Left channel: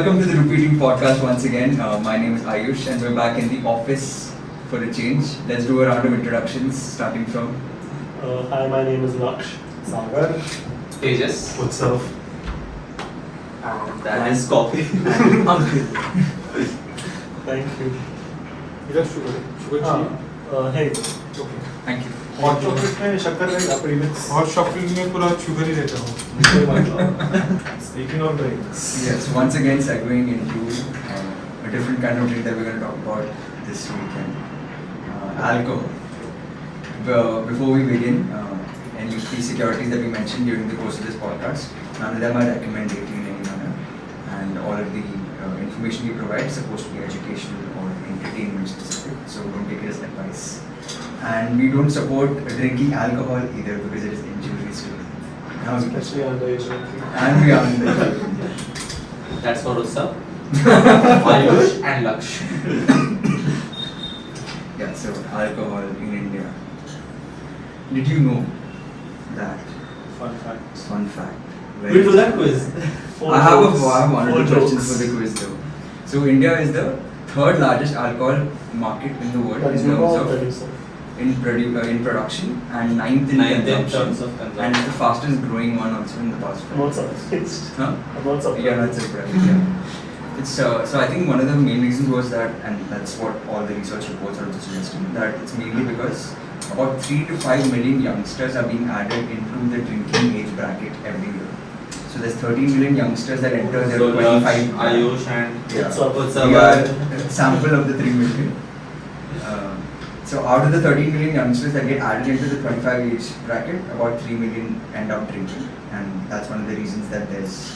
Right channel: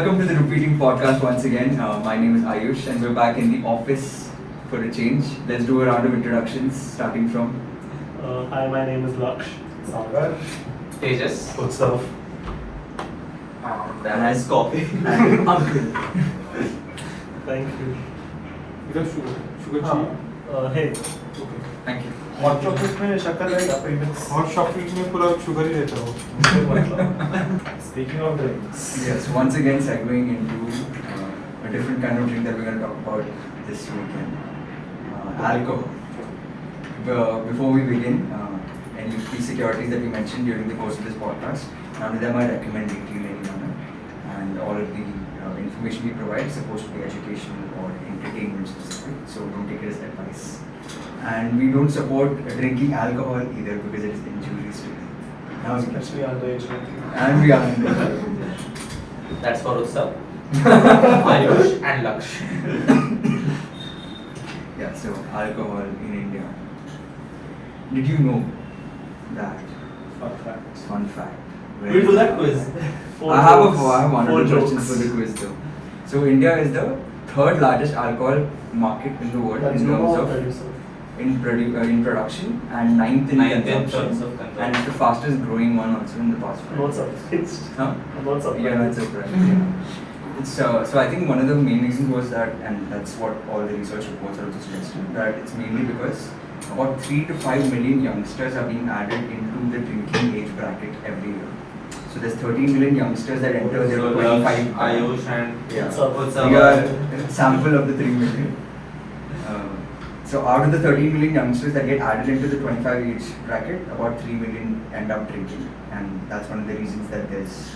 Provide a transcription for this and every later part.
welcome to the Rupeeting podcast once again. My name is Ayush and we're back in the office for a change. Let's do a round of introductions starting from... Hi, my name is Laksh. Sagar. Tejas. Utsav. That is coffee. and Uncle. Thank you. You got sugar. Sugar Hey. Thank you. Hot chocolate में शक्कर रहेगा premix. Hot chocolate में पूरा sugar ही रहता हो. Speaking of drinks. Yes, once again segueing into a different kind of drink that we're going to talk about this weekend. Alcohol. Before we begin, any key securities that we mentioned during the course of this podcast, none of them are recommended in any manner. And all of the information we provide is supposed to be educational or entertainment specific, so don't take it as advice. And we don't support drinking alcohol either because it is injurious to health. Especially underage drinking. And we are in the That's for Utsav. Ayush and Laksh. Yeah, so alcohol in India. Did you know that? Fun fact. Fun fact. We'll do that quiz. I have one or two questions for the quiz though. So India is the third largest alcohol market in the world in terms of in production and ninth in consumption, terms of consumption. and it's the fastest growing one also in the past 5 I'm not years. surprised. Huh? I'm not surprised. You're not surprised. Yeah. It's so I think one of the main reasons was that, and that's what all the research reports are also suggesting, that it's mainly because about 3 to 5 million youngsters are being added into the drinking age bracket every year. So there's 13 million youngsters that enter their So 25. Ayush and Yeah. Utsav. We are a sample of the 3 million. So out of the 13 million youngsters that get added into the 25 age bracket, about 3 million end up drinking, and that's one of the reasons that there's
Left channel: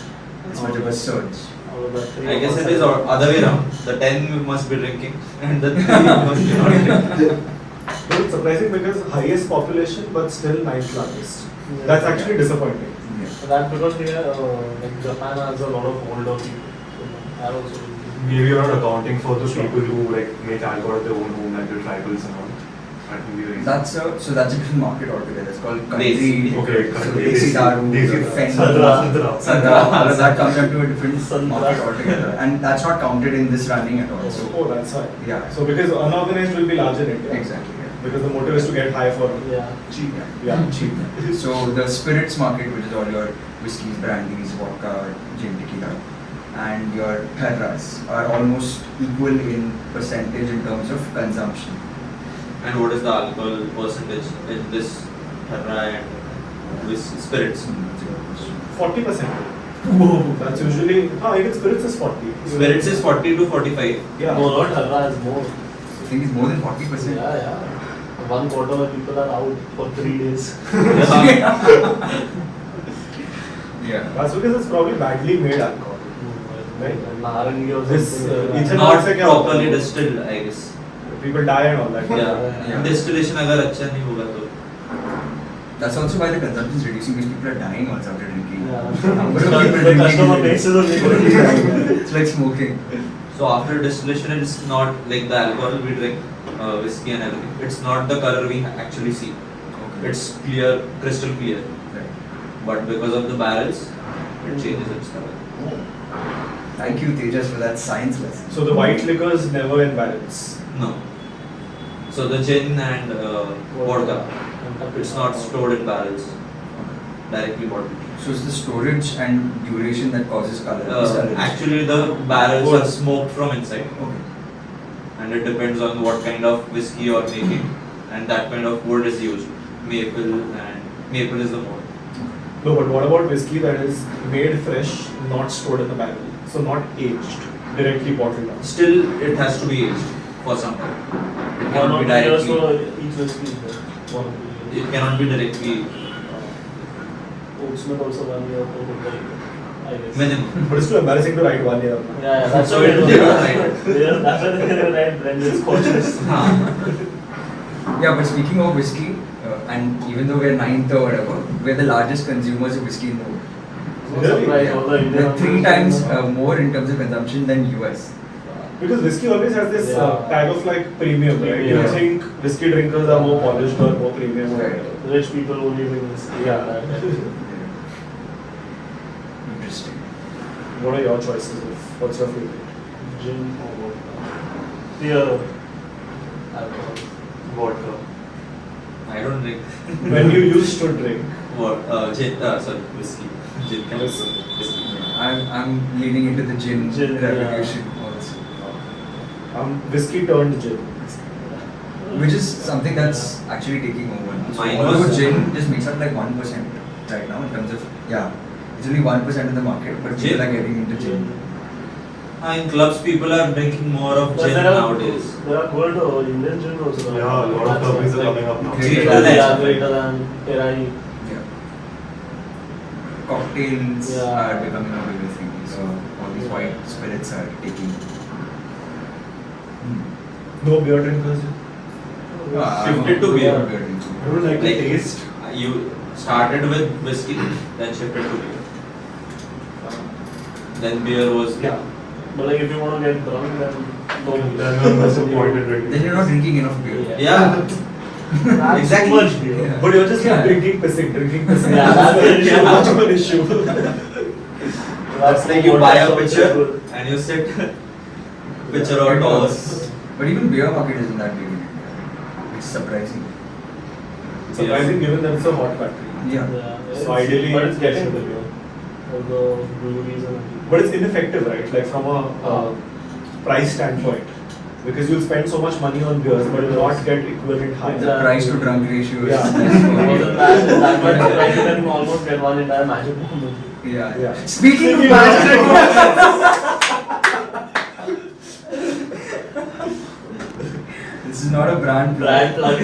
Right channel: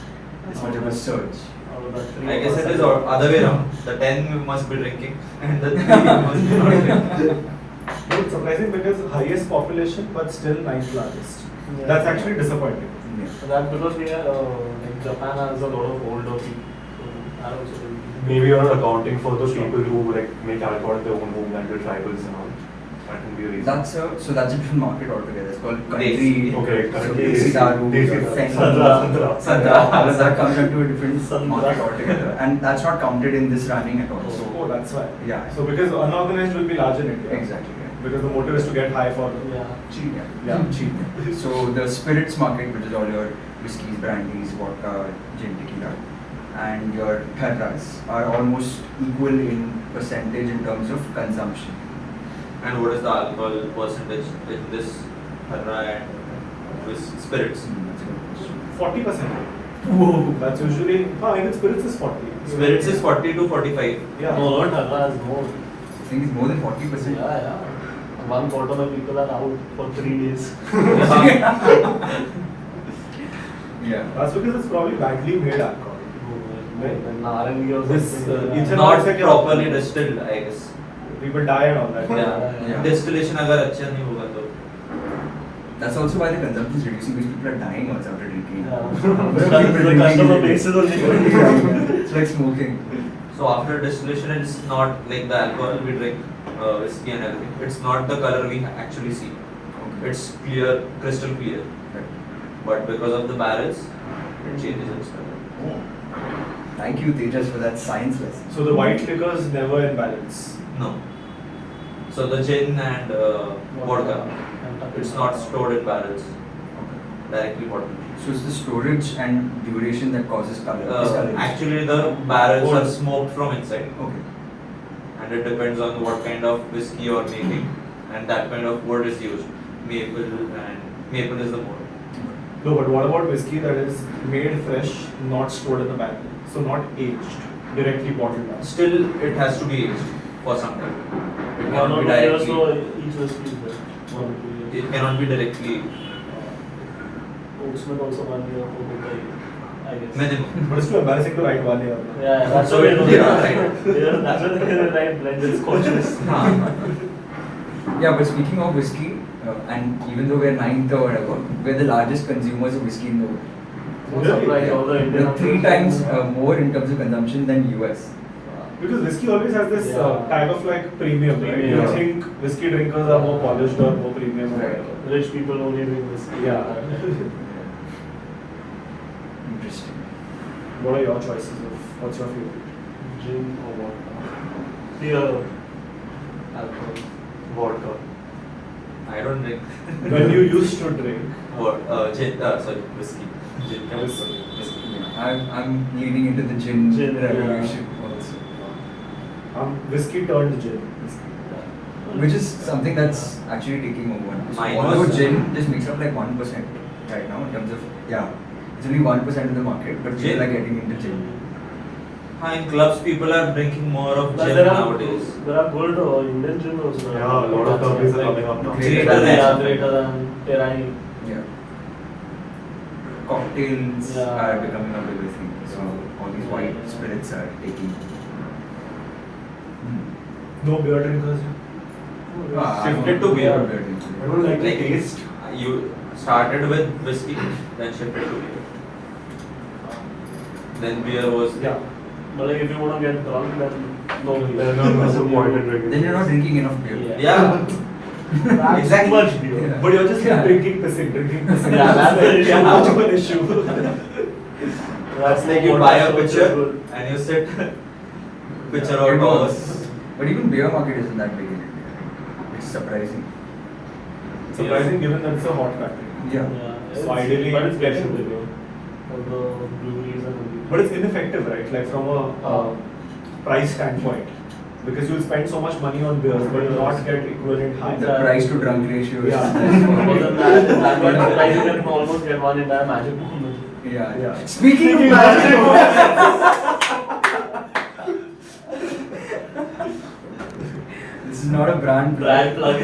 this much of a surge. Out of the three, I guess it is other way around. The 10 must be drinking and the 3 must be not drinking. No, it's surprising because highest population but still ninth largest. Yeah. That's actually disappointing. Yeah. And that's because we are, like Japan has a lot of older people. So that also will be- Maybe you're not accounting for the people who like make alcohol at their own home, like the tribals and all. That can be a reason. That's a different market altogether. It's called country. Desi. Okay, So country, Desi Desi, Daru, Desi, Fenn, Sandra. Sandra, all of that comes into a different Sandra. market altogether, and that's not counted in this running at all. So Oh, that's why. yeah, So because unorganized will be large in India. exactly. Yeah. Because the motive is to get high for Yeah. cheap. Yeah. Yeah. Cheap. So the spirits market, which is all your whiskeys, brandies, vodka, gin, tequila, and your tharras are almost equal in percentage in terms of consumption. And what is the alcohol percentage in this Tharra and with spirits? That's a good question. 40%. Whoa. That's usually. Even spirits is 40. Spirits is 40 to 45. Yeah. No, not Tharra is more. I think it's more than 40%. Yeah. 1/4 of people are out for 3 days. Yeah. That's because it's probably badly made alcohol. Right. Narangi or This, something. ethanol Not is like a- properly distilled, I guess. People die and all that. Yeah. Distillation अगर अच्छा नहीं होगा तो. That's also why the consumption is reducing because people are dying also after drinking. Yeah. Number of The people drinking customer is base is only reducing. It's like smoking. So after distillation, it's not like the alcohol we drink, whiskey and everything. It's not the color we actually see. Okay. It's clear, crystal clear. Right. But because of the barrels, it changes its color. Oh. Thank you, Tejas, for that science lesson. So the white liquor is never in barrels. No. So the gin and vodka, it's not stored in barrels. Directly bottled. So it's the storage and duration that causes color. discoloration. Actually, the barrels are smoked from inside, Okay. and it depends on what kind of whiskey you're making, and that kind of wood is used. Maple is the mode. No, but what about whiskey that is made fresh, not stored in the barrel? So not aged, directly bottled down. Still, it has to be aged for some time. It cannot be directly. each whiskey. It cannot be directly Oatsmith also 1 year for the guy, I guess. minimum. But it's too embarrassing to write 1 year. Yeah, that's So why it- they yeah, don't right. That's why they don't write blended scotches. Yeah, but speaking of whiskey, and even though we're ninth or whatever, we're the largest consumers of whiskey in the world. I'm surprised all the Yeah. Indian Like 3 times more in terms of consumption than US. Because whiskey always has this Yeah. tag of like premium, right? You Yeah. think whiskey drinkers are more polished or more premium or Right. whatever. Rich people only drink whiskey. Yeah. Interesting. What are your choices of What's your favorite? Gin or vodka? Beer. Alcohol. Vodka. I don't drink. When you used to drink. Gin, sorry, whiskey. Gin can whiskey. I'm leaning into the gin, Gin, revolution also. Whiskey turned gin. Which is something that's actually taking over now. So Mine although was- gin just makes up like 1% right now in terms of, it's only 1% of the market, but people Gin? are getting into gin. In clubs, people are drinking more of But gin there are nowadays. There are good Indian gin also. Yeah, a lot of companies are coming up now. Great. Yeah, greater than Terai. Yeah. Cocktails Yeah. are becoming a bigger thing. So all these white spirits are taking. No beer drinkers. Shifted to beer. I don't like the Like taste. you started with whiskey, then shifted to beer. Then beer was Yeah. But like if you want to get drunk, then no Then beer. what's the point in drinking? Then you're not drinking enough beer. Yeah. That's Exactly. too much beer. Yeah. But you're just Yeah. drinking, pissing. Yeah, that's the issue. That's the issue. That's like you buy a pitcher and you sit pitcher or It toss. works. But even beer market isn't that big in India. It's surprising. Surprising given that it's a hot country. Yeah. So ideally but it's getting getting the beer. For the breweries and everything. But it's ineffective, right? Like from a price standpoint. Because you'll spend so much money on beers, but you'll not get equivalent high. The price to drunk ratio is. Yeah. Because in that like you can almost get one entire magic moment. Yeah. Speaking of magic, this is not a brand Brand plug.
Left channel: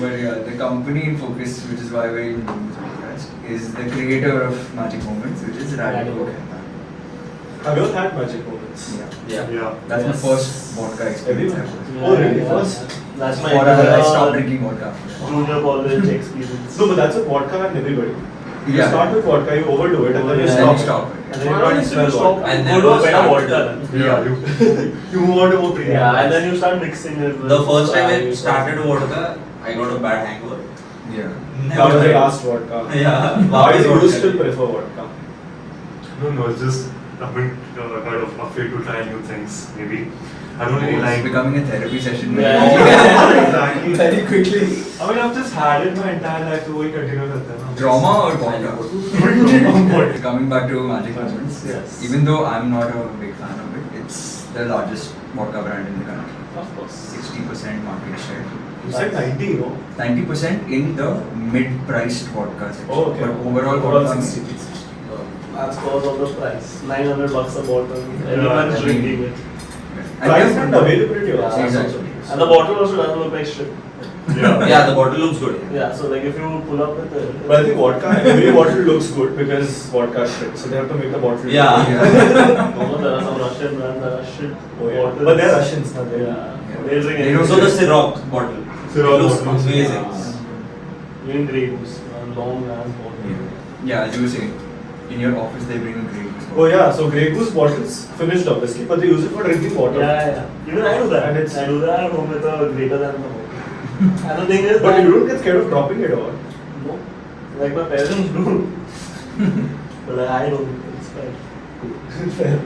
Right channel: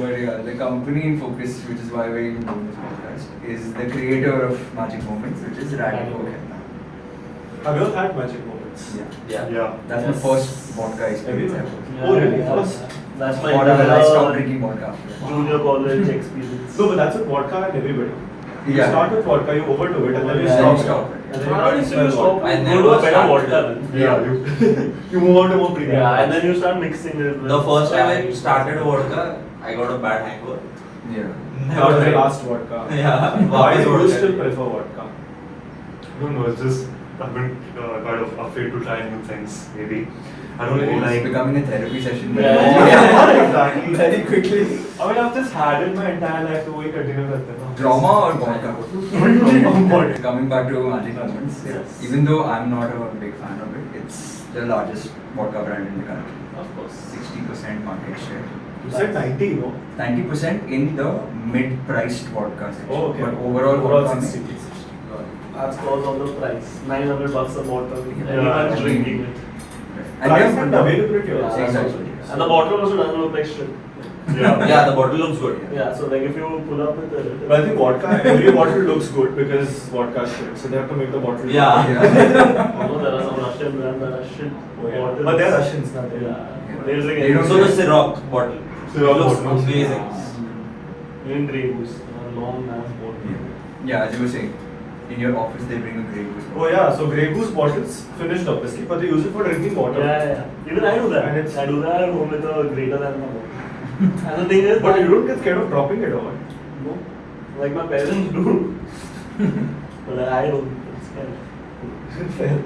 But yeah, the company in focus, which is why we're even doing this podcast, is the creator of Magic Moments, which is Radico. Radico. Have you ever had magic moments? Yeah. Yeah. Yeah. That's Yes. my first vodka experience Everyone. ever. Oh, really? First? That's my Forever, I stopped drinking vodka after that. junior college experience. No, but that's with vodka and everybody. You Yeah. start with vodka, you overdo it, and then you Yeah. Then you stop. stop it. And then Why you don't you can't still smell stop? vodka. I Go never to a better started. vodka then. Yeah, You move on to more premium. Yeah, and then you start mixing it. with The first time I Sprite. started vodka, I got a bad hangover. Yeah. That was the last vodka. Yeah. Why do you vodka. still prefer vodka? No, it's just I've been kind of afraid to try new things. Maybe I don't really It's like. becoming a therapy session. Yeah. Exactly. Very quickly. I mean, I've just had it my entire life, so we continue with them. Drama or vodka? Vodka. Coming back to Magic Moments, Yes. even though I'm not a big fan of it, it's the largest vodka brand in the country. Of course. 60% market share. You said 90, no? 90% in the mid-priced vodka section. Oh, okay. But overall vodka 60. it's That's because of the price. $900 a bottle. Yeah, Everyone's I drinking mean- it. and Price they're- and availability Yeah, also. Exactly. And the bottle also doesn't look like shit. Yeah, the bottle looks good. Yeah, so like if you pull up with it. But I think vodka, every bottle looks good because vodka is shit. So they have to make the bottle. Yeah. Yeah. Although there are some Russian brands that are shit bottles. But they're Russians, not they. Yeah. They're drinking They don't So the Ciroc bottle. Ciroc It looks bottle. amazing. Even Grey Goose, a long ass bottle. Yeah, as you were saying, in your office they bring a Grey Goose. Oh yeah, so Grey Goose bottles finished obviously, but they use it for drinking water. Yeah. Even I do that. And it's- I do that at home with a greater than a bottle. And the thing is, But that- you don't get scared of dropping it all. No. Like my parents do. But I don't. It's fine. Fair.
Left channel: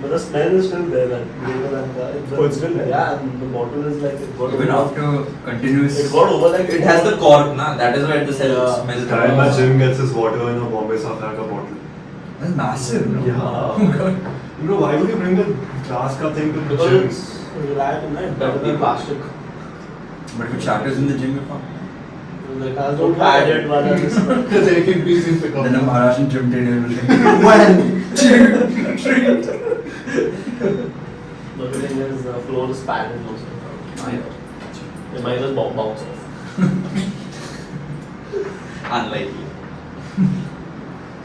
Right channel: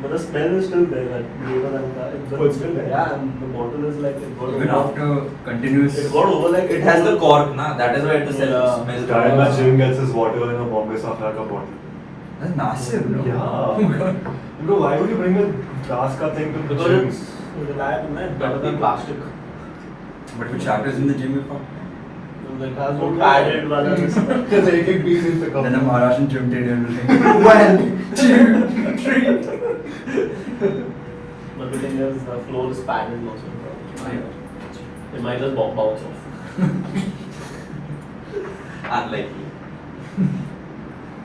But the smell is still there, that greater than that. Oh, it's still there? Yeah, and the bottle is like, it got Even over- after continuous. It got over like. It has the cork, na? That is where the Yeah. smell The guy in my gym gets his water in a Bombay Safraka bottle. That's massive, no? Yeah. Oh my god. You know, why would you bring a glass cup thing to the Because gym? it's reliable, right? Better than plastic. But if it shatters in the gym, you're fucked. The cars don't padded one. Because 18 pieces pick up. Then a Maharashtrian gym trainer will say, 1, 2, 3. But the thing is, the floor is padded also. It might just bounce off. Unlikely.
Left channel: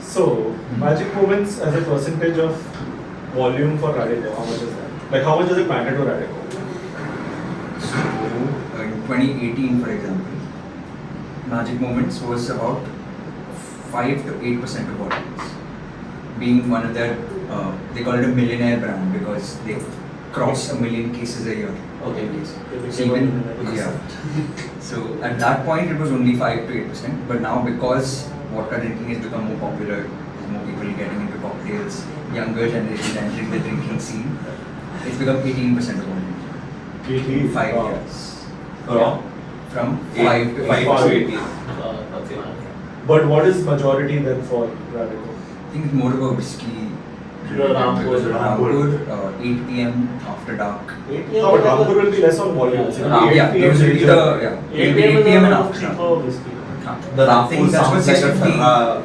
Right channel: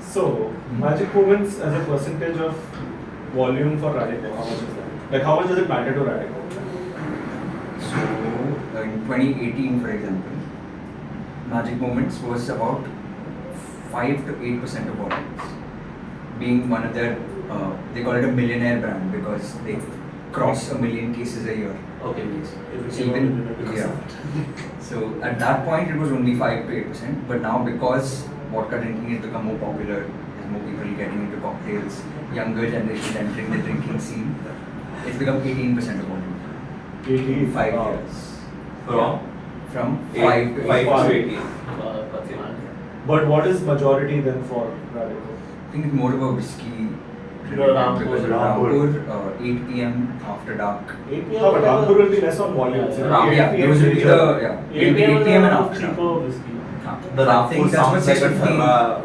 So, magic moments as a percentage of volume for Radico, how much is that? Like how much does it matter to Radico? So, in 2018, for example, Magic Moments was about 5 to 8% of audience. Being one of their, they call it a millionaire brand because they cross a million cases a year. Okay. So even, yeah. So at that point, it was only 5 to 8%. But now, because vodka drinking has become more popular, There's more people getting into cocktails. Younger generation entering the drinking scene. It's become 18% of volume. 80, 5 wow. years. From? From Eight- 5 to 5 8. to 18. That's enough. But what is majority then for Radico? I think it's more of a whiskey. Rampur, Because of Rampur, 8 p.m. after dark. 8 No, but Rampur will be less on volume. Yeah, So 8 Yeah, PM those will be is the, yeah, it'll be 8 p.m. and after dark. cheaper whiskey. The I think Rampur that's what sounds like a 650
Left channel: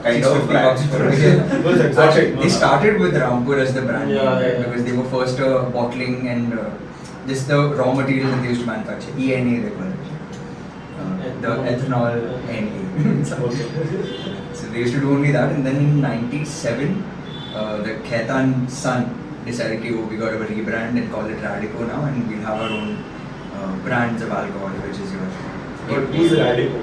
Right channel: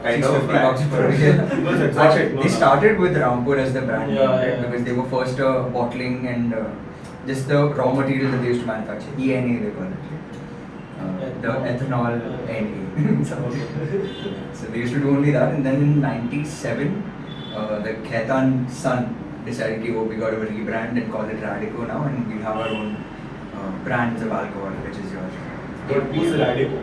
kind of 650 brand. bucks for That's it. exotic, Actually, no, they no. started with Rampur as the brand name, Yeah, right? yeah. Because they were first bottling and just the raw material that they used to manufacture. ENA they call it. The ethanol NA. So they used to do only that, and then in '97, the Khaitan son decided to we got to rebrand and call it Radico now, and we'll have our own brands of alcohol, which is yours. But who's Radico?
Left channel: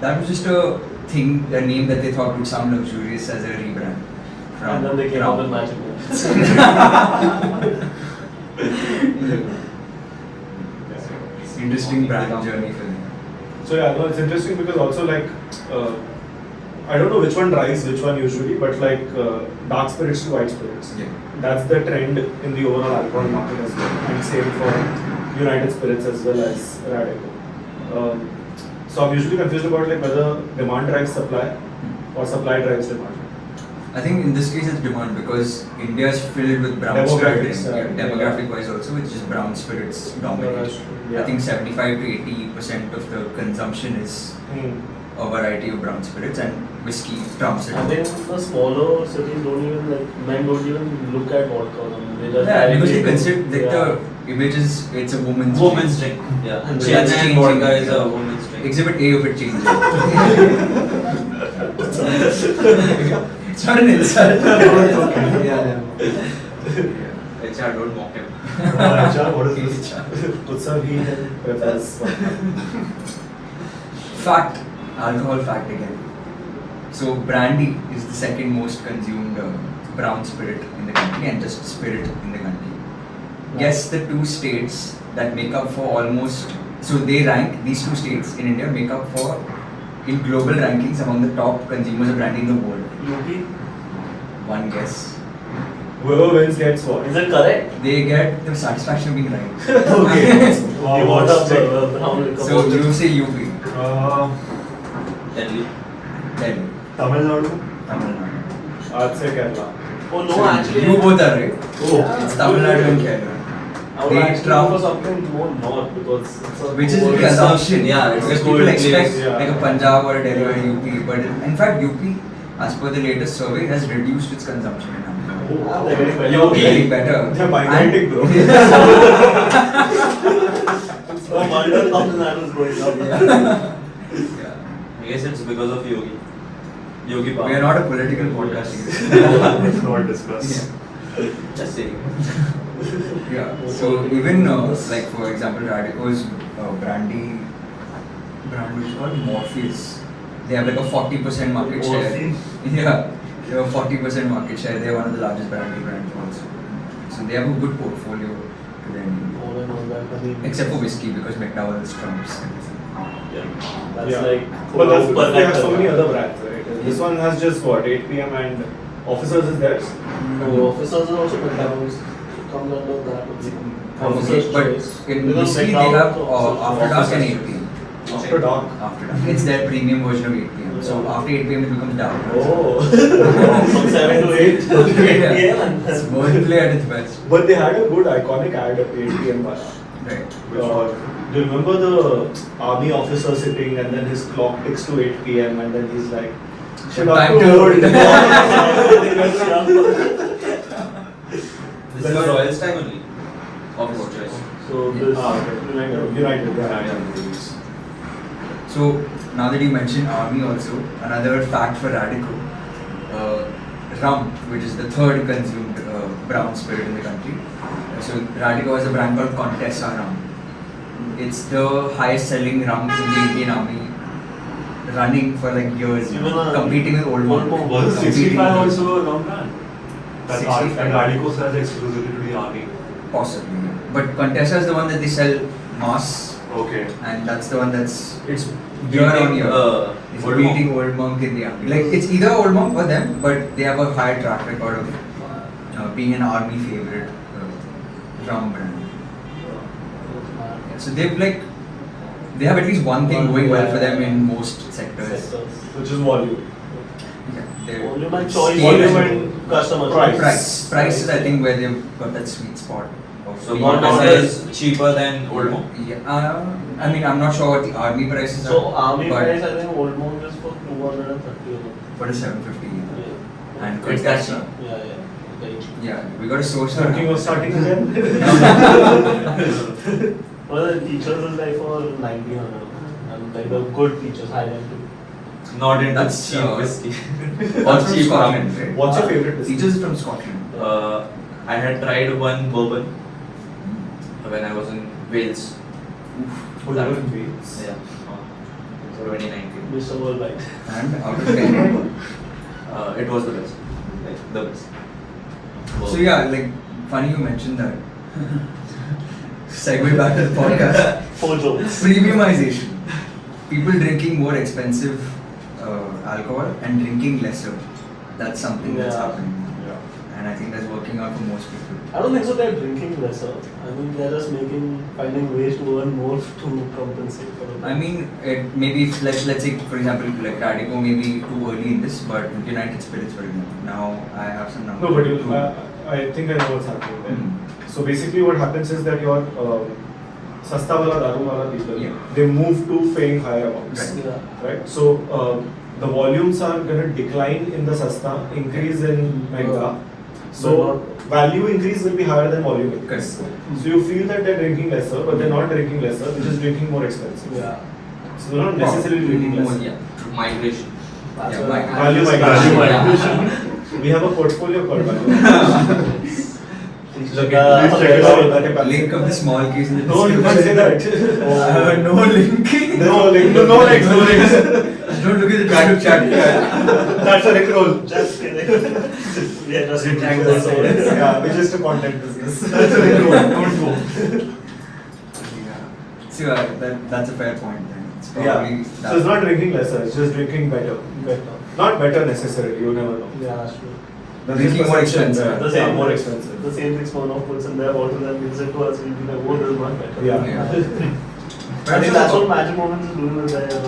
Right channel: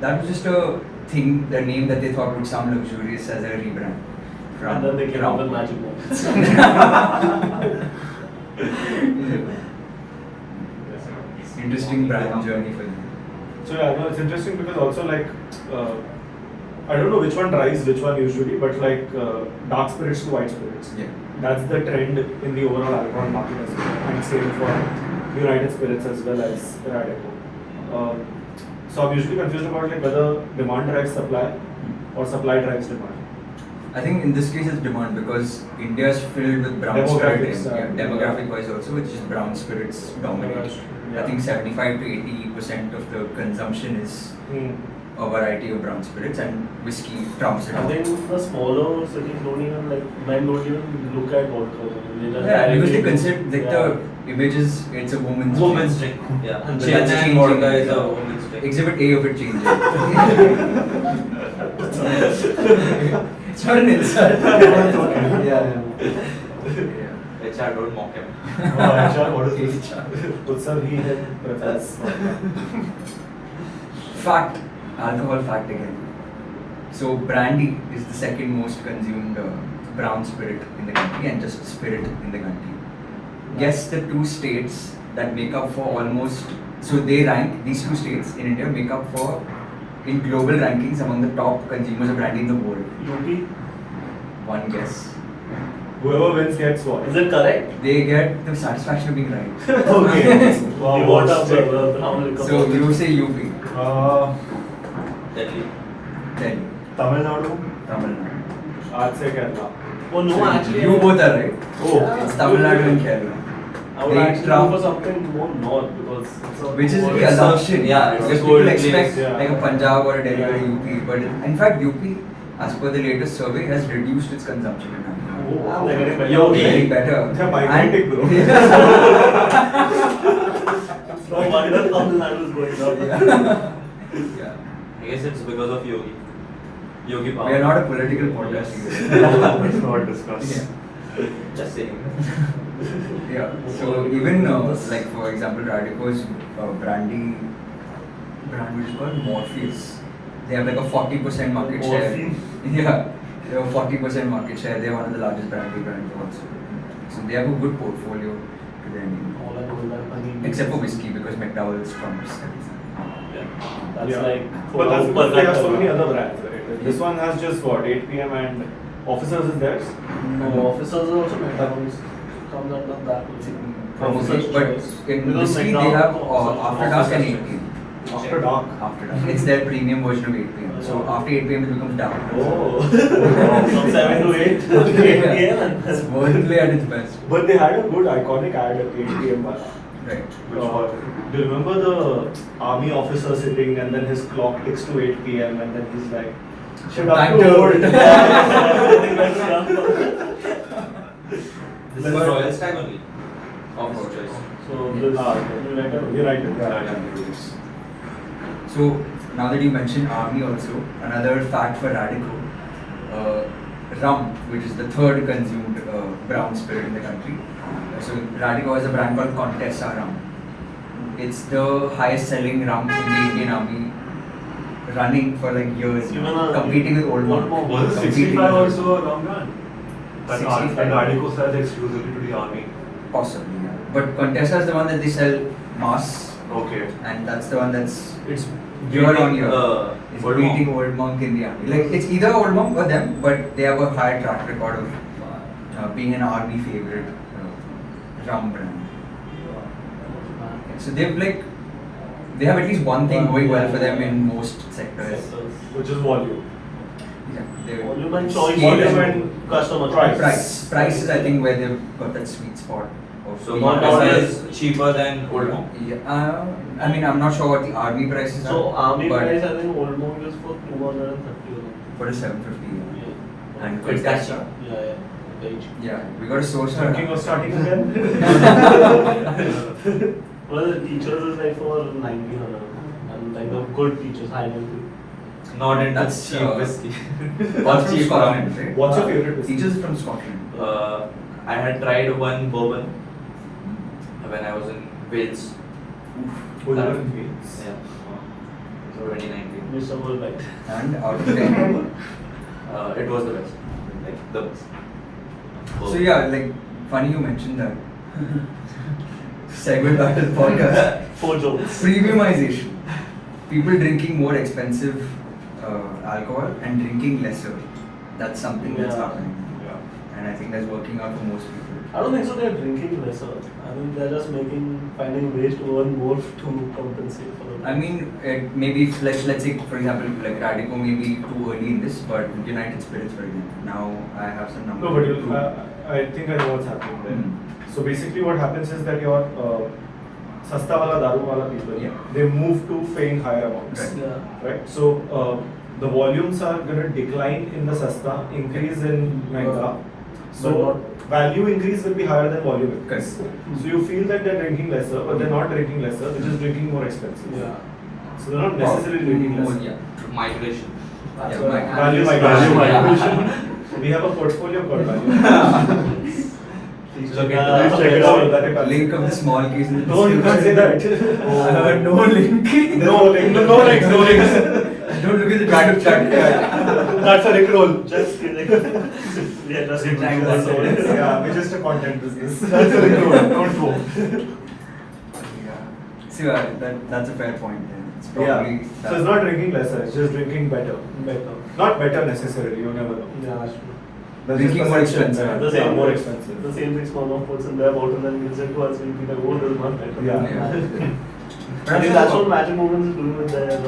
That was just a thing, the name that they thought would sound luxurious as a rebrand. And then they came up with Rampur. magic words. Interesting brand journey for you. So yeah, no, it's interesting because also like I don't know which one drives which one usually, but like dark spirits to white spirits. Yeah. That's the trend in the overall alcohol market as well, and same for United Spirits as well as Radico. So I'm usually confused about like whether demand drives supply or supply drives demand. I think in this case it's demand because India is filled with brown Demographics, spirits. Yeah, yeah. demographic wise also, it's just brown spirits dominate. Yeah. I think 75 to 80% of the consumption is a variety of brown spirits, and whiskey trumps it. I think the smaller cities don't even like men don't even look at vodka. They just Yeah, because they buy it. consider like the image is it's a woman's Woman's drink. Yeah. And Gin that's and changing. vodka is a woman's drink. Exhibit A of it changes. It's not an insult. Yeah. HR, don't mock him. HR, what is this? HR. Utsav he had preference for Fact, alcohol fact again. So brandy is the second most consumed brown spirit in the country and just spirit in the country. Guess the two states that make up for almost, so they rank, these two states in India make up for, in global rankings, among the top consumers of brandy in the world. UP. One guess. Whoever wins gets what? Is it correct? They get the satisfaction of being right. Okay. You want a brown liquor So bottle. you say UP, Delhi. Delhi, Tamil Nadu? Tamil Nadu. I'd say Kerala. Oh no, So actually. you both are right. Oh. It's Tamil Nadu and Kerala. I would They actually trump- go for something more north because it's a Which is more- the assumption, yeah, it's because a people gold expect place, yeah. like a Punjab or a Delhi or a UP, but in fact UP, as per the latest survey, has reduced its consumption in alcohol. Oh, they're getting better. Yogi. Getting better. They're migrating, bro. So why does Tamil Nadu is going up? Yeah. Yeah. I guess it's because of Yogi. Yogi Power. We are not a political podcast either. Let's not discuss. Yeah. Just saying. Yeah. So even like for example, Radico's brandy brand which is called Morpheus. They have like a 40% market share. Morphine. Yeah. They have 40% market share. They are one of the largest brandy brands also. So they have a good portfolio to their name. More than all that, I mean, Except for whiskey because McDowell's trumps everything. yeah, that's Yeah. like. But that's per because they have hectare. so many other brands, right? This one has just what, 8 PM and Officers is theirs? No, officers are also McDonald's. Comes under black. Okay, but in Because whiskey they McDowell's have also- after dark and 8 p.m. After dark. After dark. It's their premium version of 8 p.m. So after 8 p.m. it becomes dark. Oh. From 7 to 8 to 8 Yeah. p.m. It's wordplay at its best. But they had a good iconic ad at 8 PM one. Right. Do you remember the army officer sitting and then his clock ticks to 8 PM and then he's like, shut up, Time dude." to- This is Royal Stag only. Office choice. So this United. Yeah. So now that you mentioned army also, another fact for Radico, rum, which is the third consumed brown spirit in the country. So Radico has a brand called Contessa rum. It's the highest selling rum in the Indian Army, running for like years, Even competing with Old Monk. Old Monk. Was Competing 65 with- also a long run? But 65. Radico sells exclusively to the army. Possibly, yeah. But Contessa is the one that they sell mass Okay. and that's the one that's It's year on beating, year. It's Old beating Monk. Old Monk in the army. Like it's either Old Monk or them, but they have a high track record of being an army favorite rum brand. So they have at least one thing going well for them in most sectors. Which is volume. Yeah, they're- Volume and choice, scale volume and and customer price is I think where they've got that sweet spot. Of So being not Monk always- is cheaper than Old Monk. Yeah, I mean I'm not sure what the army prices are. So army but price, I think Old Monk is for 230 a month. for the 750. Yeah. Yeah. And It's that Khaitan. Yeah. Yeah, we got a source. Thinking of starting again? Well, the teachers is like for 1900 and kind of good teachers, high level. Not into That's, cheap whiskey. That's from cheap Scotland, rum. right? What's your favorite whiskey? Teachers from Scotland. I had tried one bourbon when I was in Wales. Oh, you were in Wales. Yeah. 2019. Mr. Worldwide. And out of 10. It was the best. Like, the best. So yeah, like funny you mentioned that. Segue back to the podcast. 4 jokes. Premiumization. People drinking more expensive alcohol and drinking lesser. That's something that's Yeah. happening now. And I think that's working out for most people. I don't think so they're drinking lesser. I think they're just finding ways to earn more to compensate for it. I mean, maybe if, let's say for example like Radico may be too early in this, but United Spirits for example. Now I have some numbers. No, but to prove. I think I know what's happening there. Mhm. So basically, what happens is that your sasta wala daru wala people, Yeah. they move to paying higher amounts. Right. Yeah. Right. So the volumes are going to decline in the sasta, increase in mega. So value increase will be higher than volume increase. Correct. So you feel that they're drinking lesser, but they're not drinking lesser. They're just drinking more expensive. Yeah. So they're not necessarily drinking more, less. yeah. Migration. That's Yeah, why- Value Value migration. migration. We have a portfolio called value. Please Look check at out- please check it out. That you can Link see. of the small case in the No, you can't say that. no link. No link. No links. No links. Don't look at the chat. That's a rickroll. Just kidding. We are just Good kidding. time, that's all. Yeah, we're just a content business. That's a rickroll. Don't go. Yeah. So that's a fair point then. It's Yeah. probably So it's not drinking lesser. It's just drinking better. Better. Not better necessarily. You never know. Yeah, that's true. The drinking more expensive. The Yeah, same more expensive. The same thing Smirnoff puts in their water and gives it to us. We'll be like, oh, this is not better. Yeah. Yeah. I think that's what Magic Moments is doing with their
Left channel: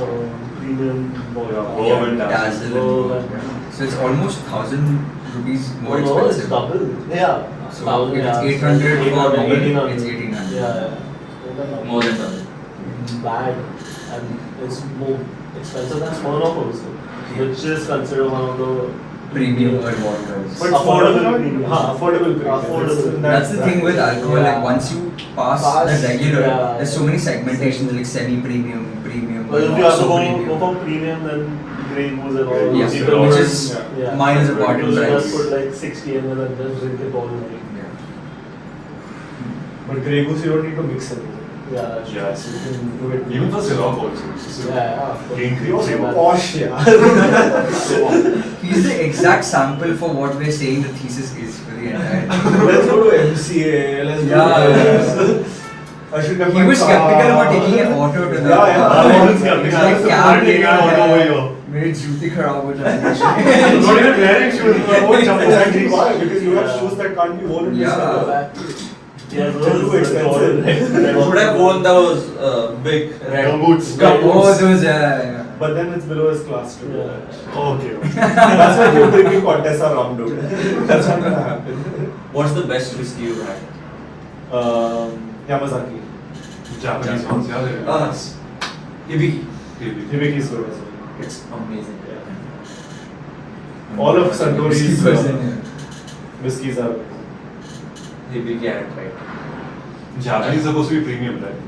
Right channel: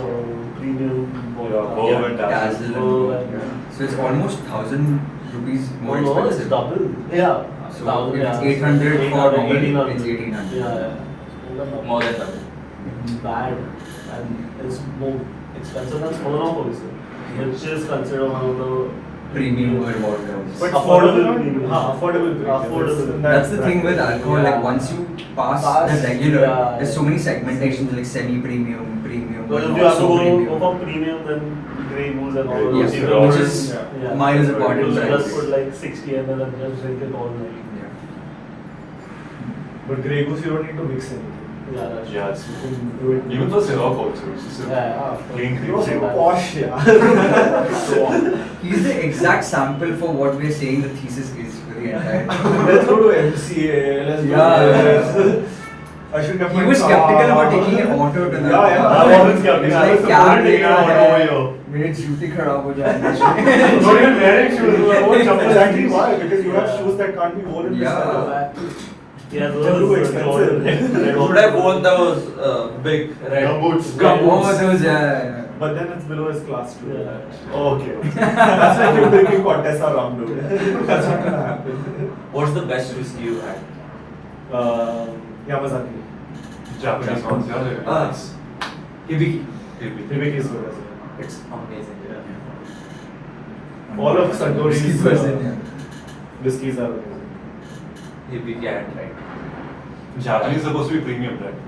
premium Yeah, vodka. Bourbon Dazzle Oh, and so it's almost 1,000 rupees more No, it's expensive. double. Yeah. So if it's 800 for bubble, 1800. it's 1800. Yeah. More than double. Bad. And it's more expensive than Smirnoff also. Which is considered one of the Premium world vodkas. But Affordable affordable premium. affordable premium. Affordable. That's the thing with alcohol. Yeah. Like once you pass Pass, the regular, yeah. there's so many segmentations like semi-premium, premium, But if not you have to so go premium. for premium, then Grey Goose and all Yeah, those Yeah, people which will- is yeah. miles apart in People price. just put like 60 ml and just drink it all night. Yeah. But Grey Goose, you don't need to mix anything. Yeah, that's Yeah, it's You can do it. even for syrup also. It's just a Yeah. clean You're cream. so posh, yeah. He's the exact sample for what we're saying the thesis is for the entire thing. Let's go to MCA. Let's go Yeah. to I should have He was skeptical about taking an auto to the Yeah, yeah. car. I was skeptical. It's I like was cab supporting लेना an auto है, over here. मेरे जूते खराब हो जाएंगे Not even wearing shoes. What jumpers actually why? Because you have shoes that can't be worn in this Yeah. weather. Yeah, They're too expensive. You should have worn those big red Gumboots. Oh, those But then it's below his class too. Yeah. Okay. That's why you're drinking Contessa rum, dude. That's not gonna happen. What's the best whiskey you had? Yamazaki. Japanese ones, yeah. they're Ah. nice. Hibiki. Hibiki. Hibiki is good as well. It's amazing. All of Suntory's person. whiskies are amazing. Hibiki I had tried. Japanese is supposed to be premium, right?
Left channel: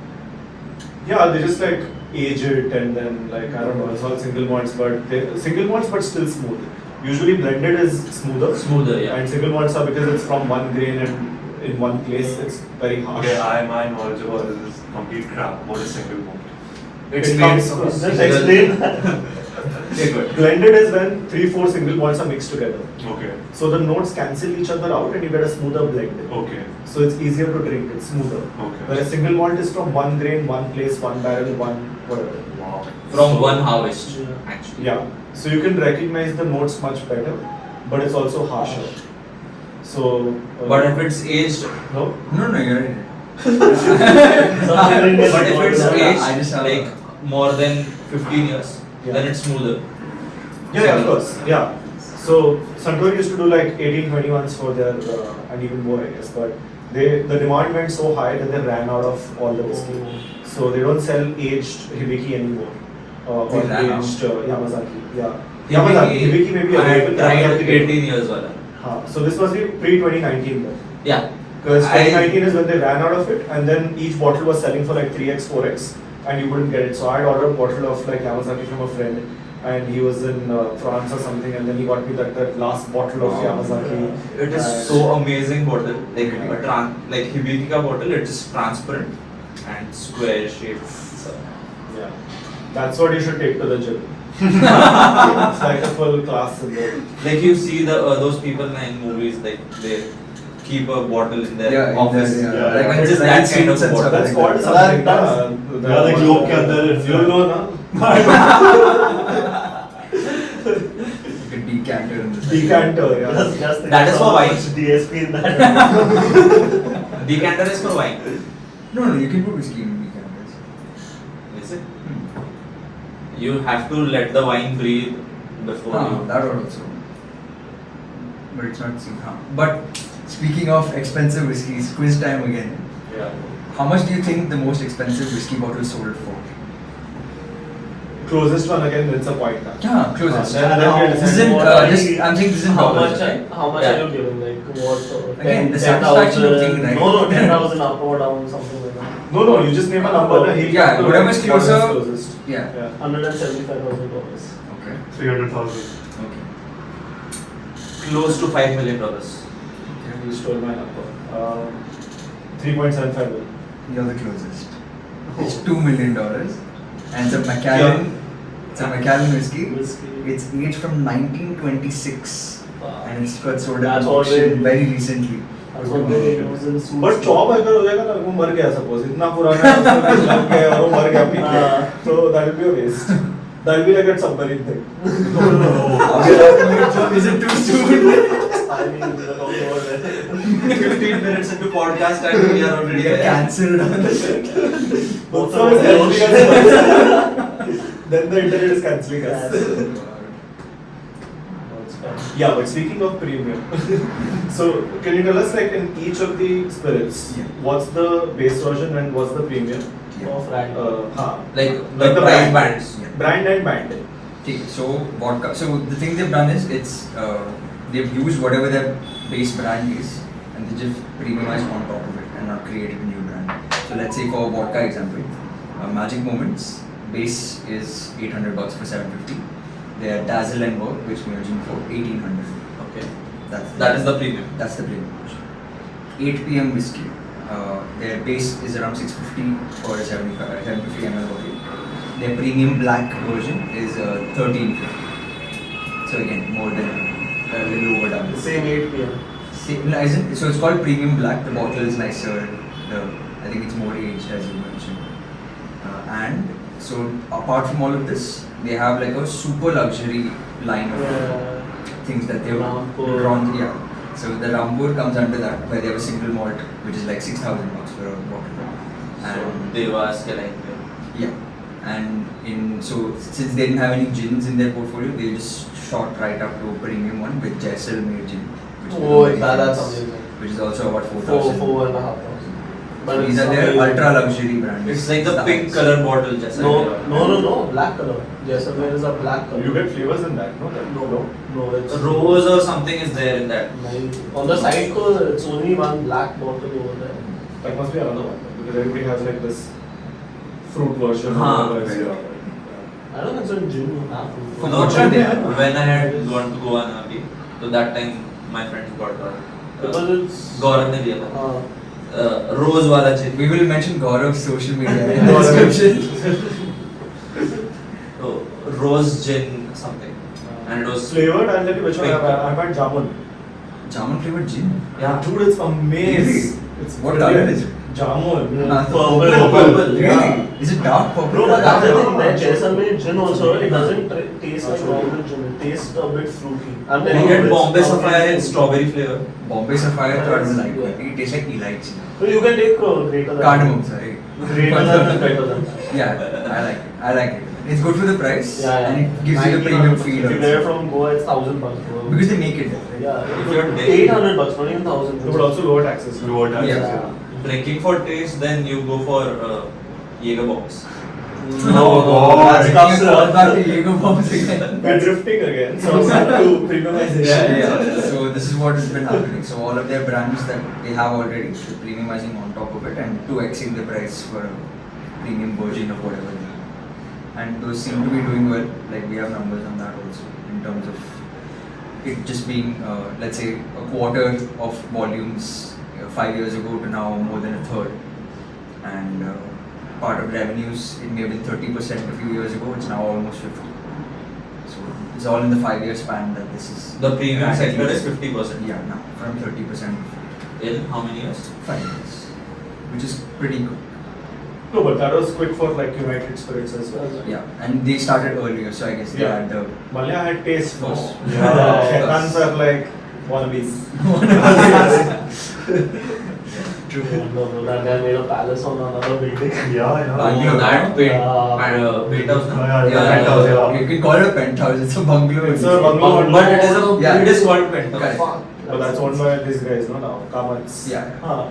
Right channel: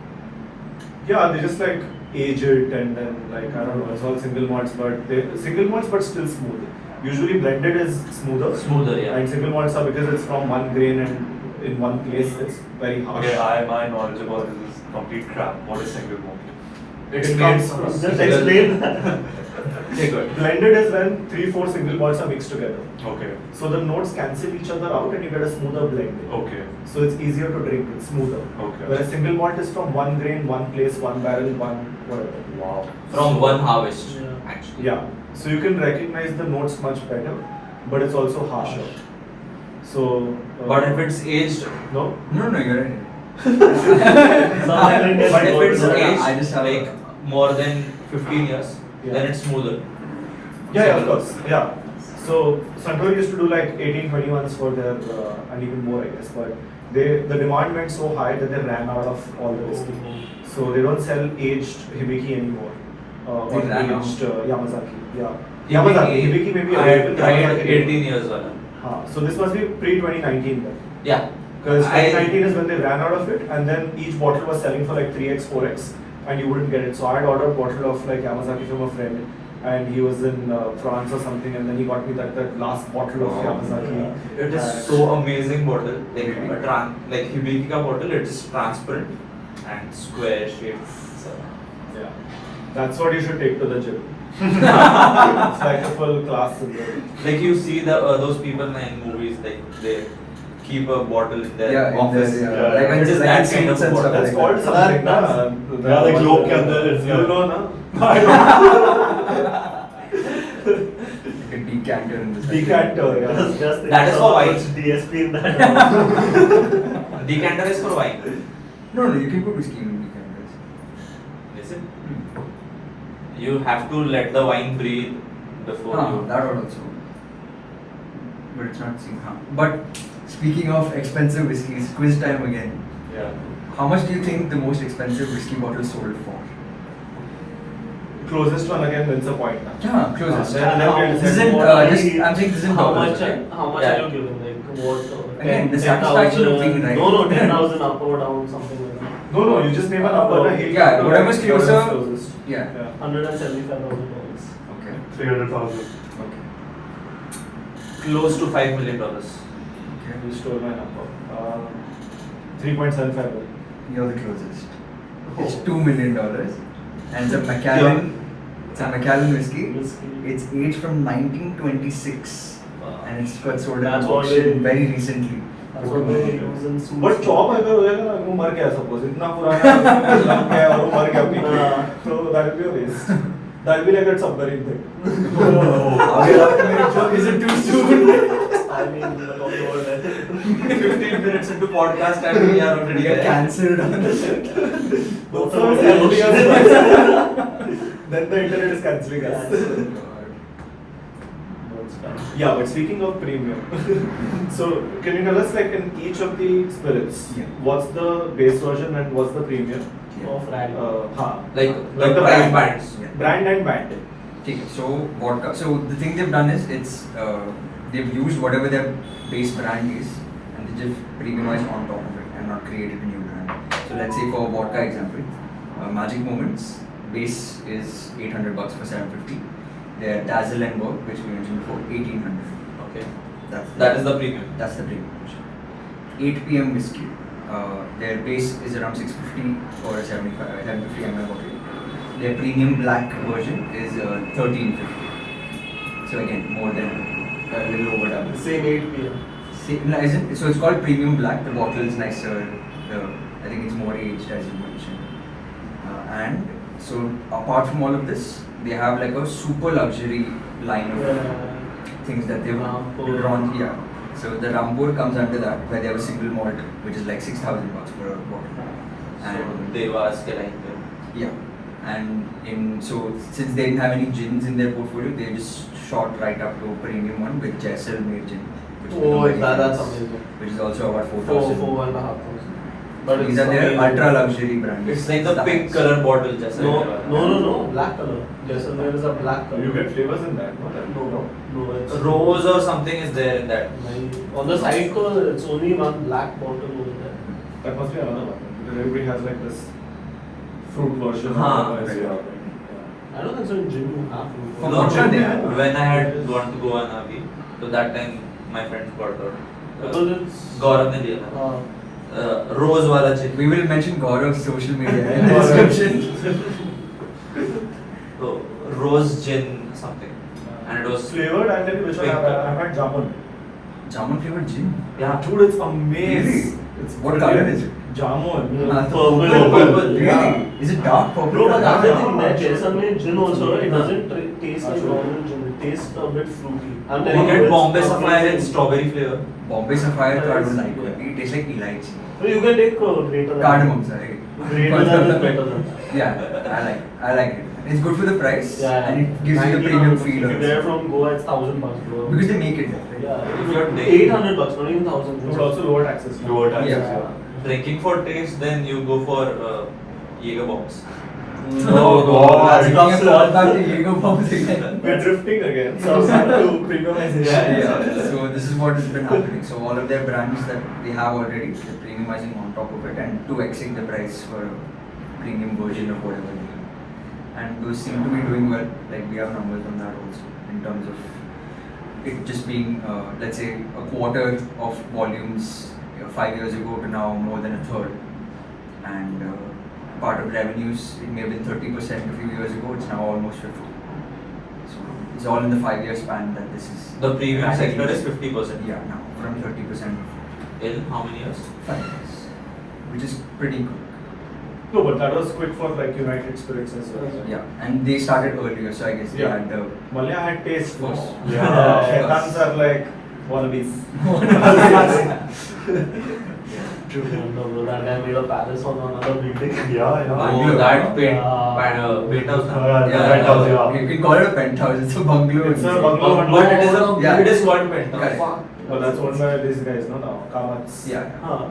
Yeah, they just like age it and then like I don't know, it's all single malts, but they're single malts but still smooth. Usually blended is smoother. Smoother, yeah. And single malts are because it's from one grain and in one place, it's very harsh. Okay, my knowledge about this is complete crap. What is single malt? It's It made comes from from- Just explain that. Okay, good. Blended is when 3-4 single malts are mixed together. Okay. So the notes cancel each other out and you get a smoother blend. Okay. So it's easier to drink, it's smoother. Okay. Whereas single malt is from one grain, one place, one barrel, one whatever. Wow. From one harvest, Yeah. actually. Yeah. So you can recognize the notes much better, but it's also harsher. So. But if it's aged, No? No, you're right. So but if it's Yeah, aged I just have like more than 15 years, Yeah. then it's smoother. Yeah, of course. Yeah. So Suntory used to do like 18-20 ones for their and even more, I guess. But the demand went so high that they ran out of all the whiskey. So they don't sell aged Hibiki anymore. They Or ran out? aged Yamazaki. Yeah. Hibiki, Yamazaki. Hibiki may be I had available. tried Yamazaki 18 years wala. So this must be pre-2019 then. Yeah. Because I- 2019 is when they ran out of it, and then each bottle was selling for like 3x, 4x, and you wouldn't get it. So I had ordered a bottle of like Yamazaki from a friend, and he was in France or something, and then he got me that last bottle of Wow. Yamazaki. It is And- so amazing bottle. Like Really? like Hibiki ka bottle, it is transparent and square shaped. So, Yeah, that's what you should take to the gym. It's like a full class in there. like you see the those people in movies, like they keep a bottle in their Yeah, in office. the- yeah. Yeah, Like when it it's is like that in kind of suits and bottle. stuff That's like called that. something. Yeah, the globe ke andar it's You know, na? Like a decanter in the Decanter, yeah. Just That is for wine. DSP in that. Decanter is for wine. No, you can put whiskey in decanters. Is it? You have to let the wine breathe before you. That also. But it's not seen. But speaking of expensive whiskeys, quiz time again. Yeah. How much do you think the most expensive whiskey bottle sold for? Closest one again wins a point. Now. Yeah, closest. Then we How- This decide. isn't, What are just, the- I'm saying this isn't How dollars. much? Okay? How much Yeah. are you giving? Like what? Again, the 10,000, satisfaction of being right. No, 10,000 up or down, something like that. No, you just name a number. na, he'll Yeah, come to whatever's like whatever's closer. closest. Yeah. $175,000. Okay. 300,000. Okay. Close to $5 million. You stole my number. 3.75 million. You're the closest. It's $2 million. And it's a Macallan. It's a Macallan whiskey. Whiskey. It's aged from 1926. Wow. And it's got sold at That's an what auction they- very recently. That's what they use in suits. But chop अगर हो जाएगा ना वो मर गया suppose इतना पुराना है, उसमें लग गया और वो मर गया पी के हाँ। तो that will be a waste. That will be like a submarine thing. Is it too soon? I mean, we were talking about that. 15 minutes into podcast and we are already We are there. cancelled on the Both So of us it's cancelling us. Then the internet is cancelling us. Yeah, but speaking of premium, so can you tell us like in each of the spirits, Yeah. what's the base version and what's the premium? Of Radico. Like the Like the price brand. bands. Yeah. Brand and band. Okay, so vodka. So the thing they've done is they've used whatever their base brand is and they just premiumized on top of it and not created a new brand. So let's say for vodka example, Magic Moments base is $800 for 750. Their Dazzle and Work, which we mentioned before, 1800. Okay. That is the premium. That's the premium version. 8 p.m. whiskey. Their base is around 650 for a 750 ml bottle. Their premium black version is 1350. So again, more than a little over double. The same 8 p.m. No, isn't, so it's called premium black. The bottle is nicer. I think it's more aged as you mentioned. And so apart from all of this, they have like a super luxury line of things that they've Rampur. drawn. Yeah. So the Rampur comes under that, where they have a single malt, which is like $6,000 for a bottle. And Devas Kelai. yeah, and since they didn't have any gins in their portfolio, they just shot right up to a premium one with Jaisalmer gin, which is Oh, very that's famous, amazing. which is also about 4, 4,000. 4,500. So these are their ultra luxury brands. It's like the That's- pink colored bottle, just No, black color. Jaisalmer is a black color. You get flavors in that, no? No, it's Rose or something is there in that. on the side though, it's only one black bottle over there. That must be another one. Because everybody has like this fruit version. Huh. Okay. I don't think so in gym you have. For No, vodka they have. when I had gone to Goa Nagi, so that time my friends got Because it's Gaurav ne liya tha. Rose wala gin. We will mention Gaurav's social media in the description. So, rose gin something, and it was Flavored, I'll tell you which one Pink. I've had jamun. Jamun flavored gin. yeah. Dude, it's amazing. Really? It's What brilliant. color is it? Jamun. Purple. Really? Yeah. Is it dark purple? Bro, color? that's the thing, that Jaisalmer gin also, it doesn't taste like normal gin, it tastes a bit fruity. And You get Bombay Sapphire in strawberry flavor. Bombay Sapphire, I don't like it. It tastes like elaichi. So you can take greater than Cardamom, sorry. Greater than is better than. Yeah, I like it. I like it. It's good for the price Yeah. and it gives you the premium feel. If you get it also. from Goa, it's $1,000 bro. Because they make it there. Yeah, If you're $800, not even 1,000. But also lower taxes. Lower taxes, Yeah. yeah. Drinking for taste, then you go for Jaeger box. Oh, That's tough, a sir. call back to Jaeger bombs again. We're drifting again. So it's up to premiumization. Yeah. So this is what has been happening. So all of their brands that they have already, they're premiumizing on top of it and 2xing the price for a premium version of whatever they have. And those seem to be doing well. Like we have numbers on that also in terms of it just being, let's say, a quarter of volumes 5 years ago to now more than a third. And part of revenues, it may have been 30% a few years ago, it's now almost 50. So it's all in the 5 year span that this is. The premium rapidly- sector is 50%. Yeah, now from 30% In how many years? 5 years, which is pretty good. No, but that was quick for like United Spirits as well. Yeah, and they started earlier, so I guess they Yeah. had the. Malaya had taste first. Oh. Yeah. Yeah. Khaitans are like wannabes. True, bro. That guy made a palace on another building. Yeah, yeah. Bungalow. That paint, Yeah. penthouse. Oh, yeah, Yeah, penthouse, yeah. you can call it a penthouse. It's a bungalow. It's a bungalow. But it is a Yeah. it is called penthouse. Correct. But that's owned by these guys, no? Now, Kamats. Yeah. Huh.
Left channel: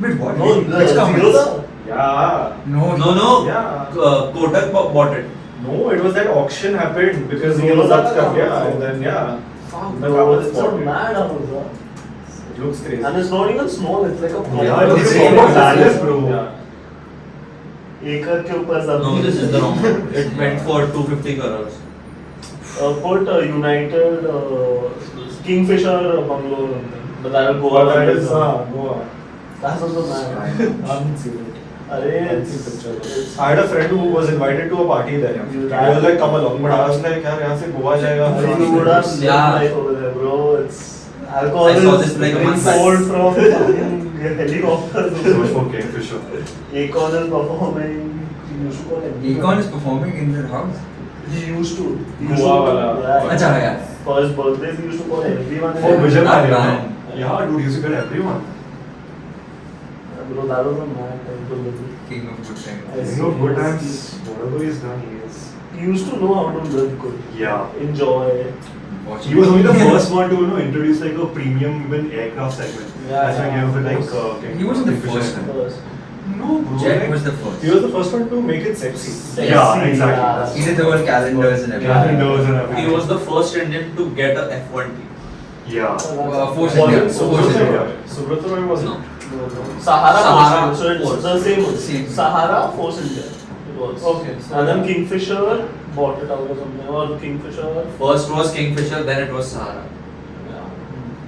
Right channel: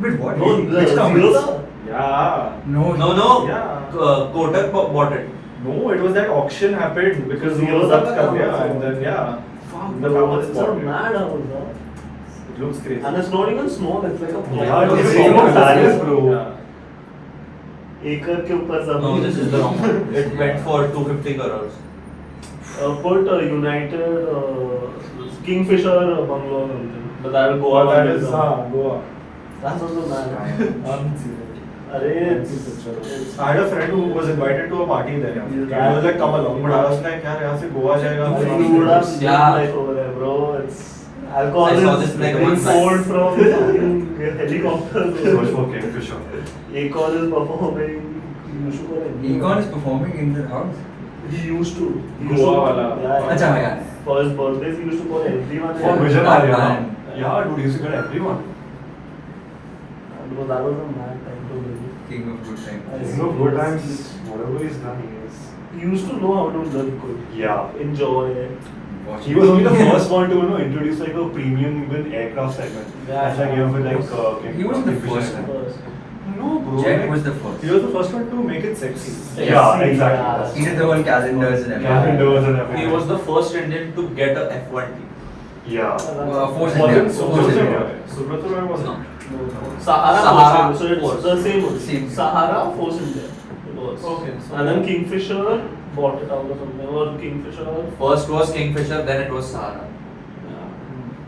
But what? No, Which the comments? Zero Yeah. No. No. Yeah. Kotak bought it. No, it was that auction happened because Zero he was Dha up ka yeah, Kamats. and then yeah. Fuck, The bro, Kamats it's a bought it. mad house, bro. It looks crazy. And it's not even small, it's like a Yeah, It's it's a a palace, palace, bro. Yeah. acre के ऊपर जमीन. No, this is the wrong one. It went for 250 crores. Put United Kingfisher bungalow or something. But that will go But on. that like is that. Goa. That's also mad. I haven't seen it. Arey, I haven't seen pictures. I had a friend who was invited to a party there. Yeah. And he was like, come along. But I was like, yaar, यहाँ से गोवा जाएगा. You would have seen Yeah. life over there, bro. It's alcohol I saw is this like being once. sold from helicopters. So much for Kingfisher. Akon is performing. He used to call everyone. Akon is performing in the house. He used to. He Goa used to- wala. Yeah. Acha, yeah. For his birthdays, he used to call everyone. For Vision that Alia. man. Yeah, dude, used to get everyone. Bro, that was a mad time to live. King of good times. King of good times, whatever he's done, he is. He used to know how to live good. Yeah. Enjoy. He was only the first one to introduce like a premium even aircraft segment. Yeah. That's like you have with like He wasn't the Kingfisher. first one. First. No, bro. Jet like- was the first. He was the first one to make it sexy. Yeah, exactly. Yeah. He did the whole calendars and everything. Calendars and everything. He was the first Indian to get a F1 team. Yeah. Force Was India. it Force Subrata India. Roy? Subrata Roy was No. Sahara, Sahara Force, so it's Force. the same one. Same. Sahara Force India. It was. Okay. And then Kingfisher bought it out or something. Or Kingfisher. First was Kingfisher, then it was Sahara.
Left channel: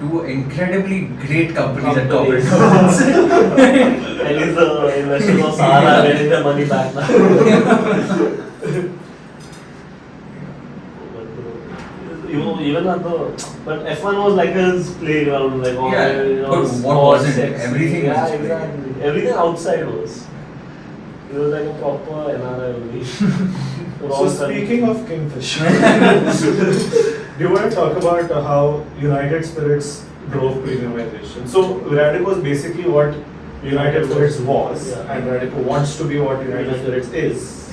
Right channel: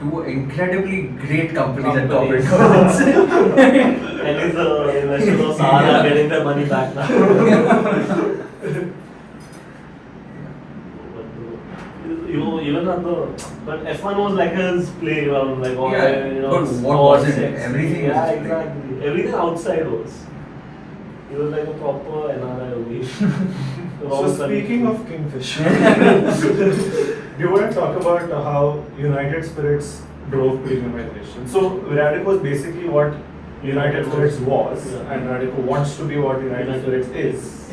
Two incredibly great companies at corporate Companies. governance. And is the investors of Sahara getting their money back now. You even at the but F1 was like his playground, like all Yeah, you know, but what sports, wasn't it? sexy. Everything was yeah, his playground. exactly. Everything outside was. It was like a proper NRI only. So speaking of Kingfisher, do you want to talk about how United Spirits drove premiumization? So Radico is basically what United Spirits was, Yeah. and Radico wants to be what United Spirits is.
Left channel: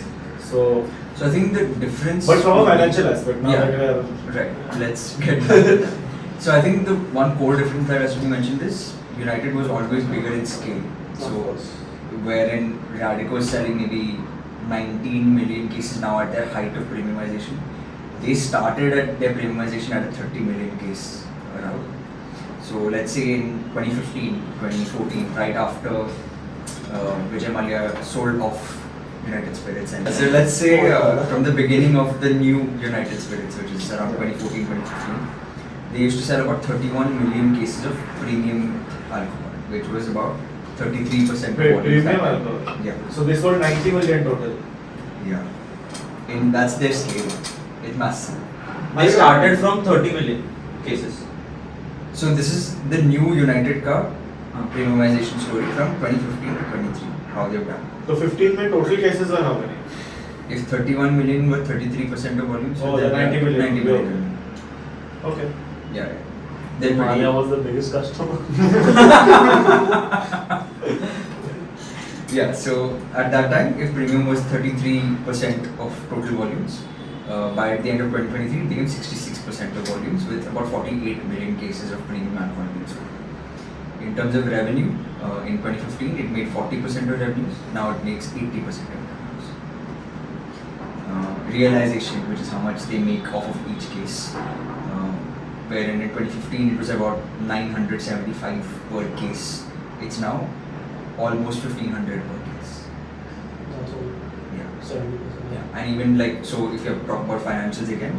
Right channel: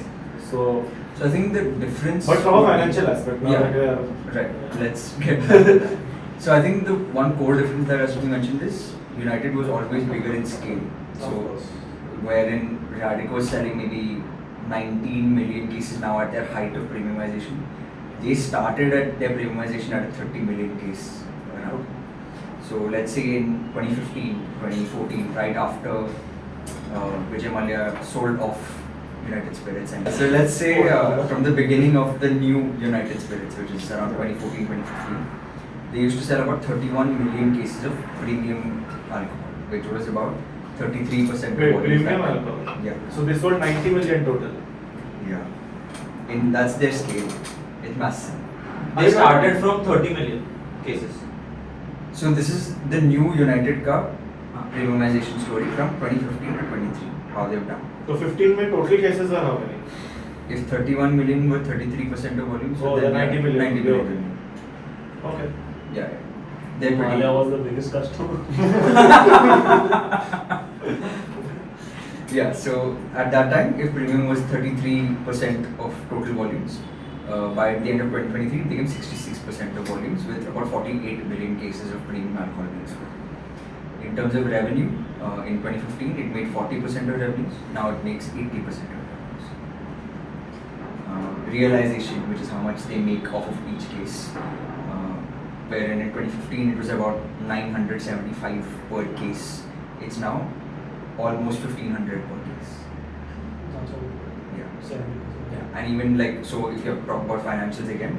So, So I think the difference. but from a financial aspect, not Yeah. like a Right. Let's get back to that. So I think the one core difference that has to be mentioned is United was always bigger in scale. So wherein Radico is selling maybe 19 million cases now at their height of premiumization. They started at their premiumization at a 30 million case around. So let's say in 2015, 2014, right after Vijay Mallya sold off United Spirits. And so let's say from the beginning of the new United Spirits, which is around 2014, 2015, they used to sell about 31 million cases of premium alcohol, which was about 33% Wait, of volumes. premium alcohol? Yeah. So they sold 90 million total. Yeah. That's their scale. It's massive. They started from 30 million cases. So this is the new United car premiumization story from 2015 to 23. How they've done. So 15 में total cases are how many? If 31 million were 33% of volume, so Oh, then then 90 million. 90 million. Okay. Yeah, they're pretty. Maya was the biggest customer. Yeah, so at that time, if premium was 33% of total volumes, by the end of 2023, it became 66% of volumes with about 48 million cases of premium alcohol being sold. In terms of revenue, in 2015, it made 40% of revenues. Now it makes 80% of revenues. Realization, which is how much they make off of each case, wherein in 2015 it was about 975 per case. It's now almost 1500 per case. That's all. Yeah. 70%. Yeah. And even like, so if you have to talk about financials again,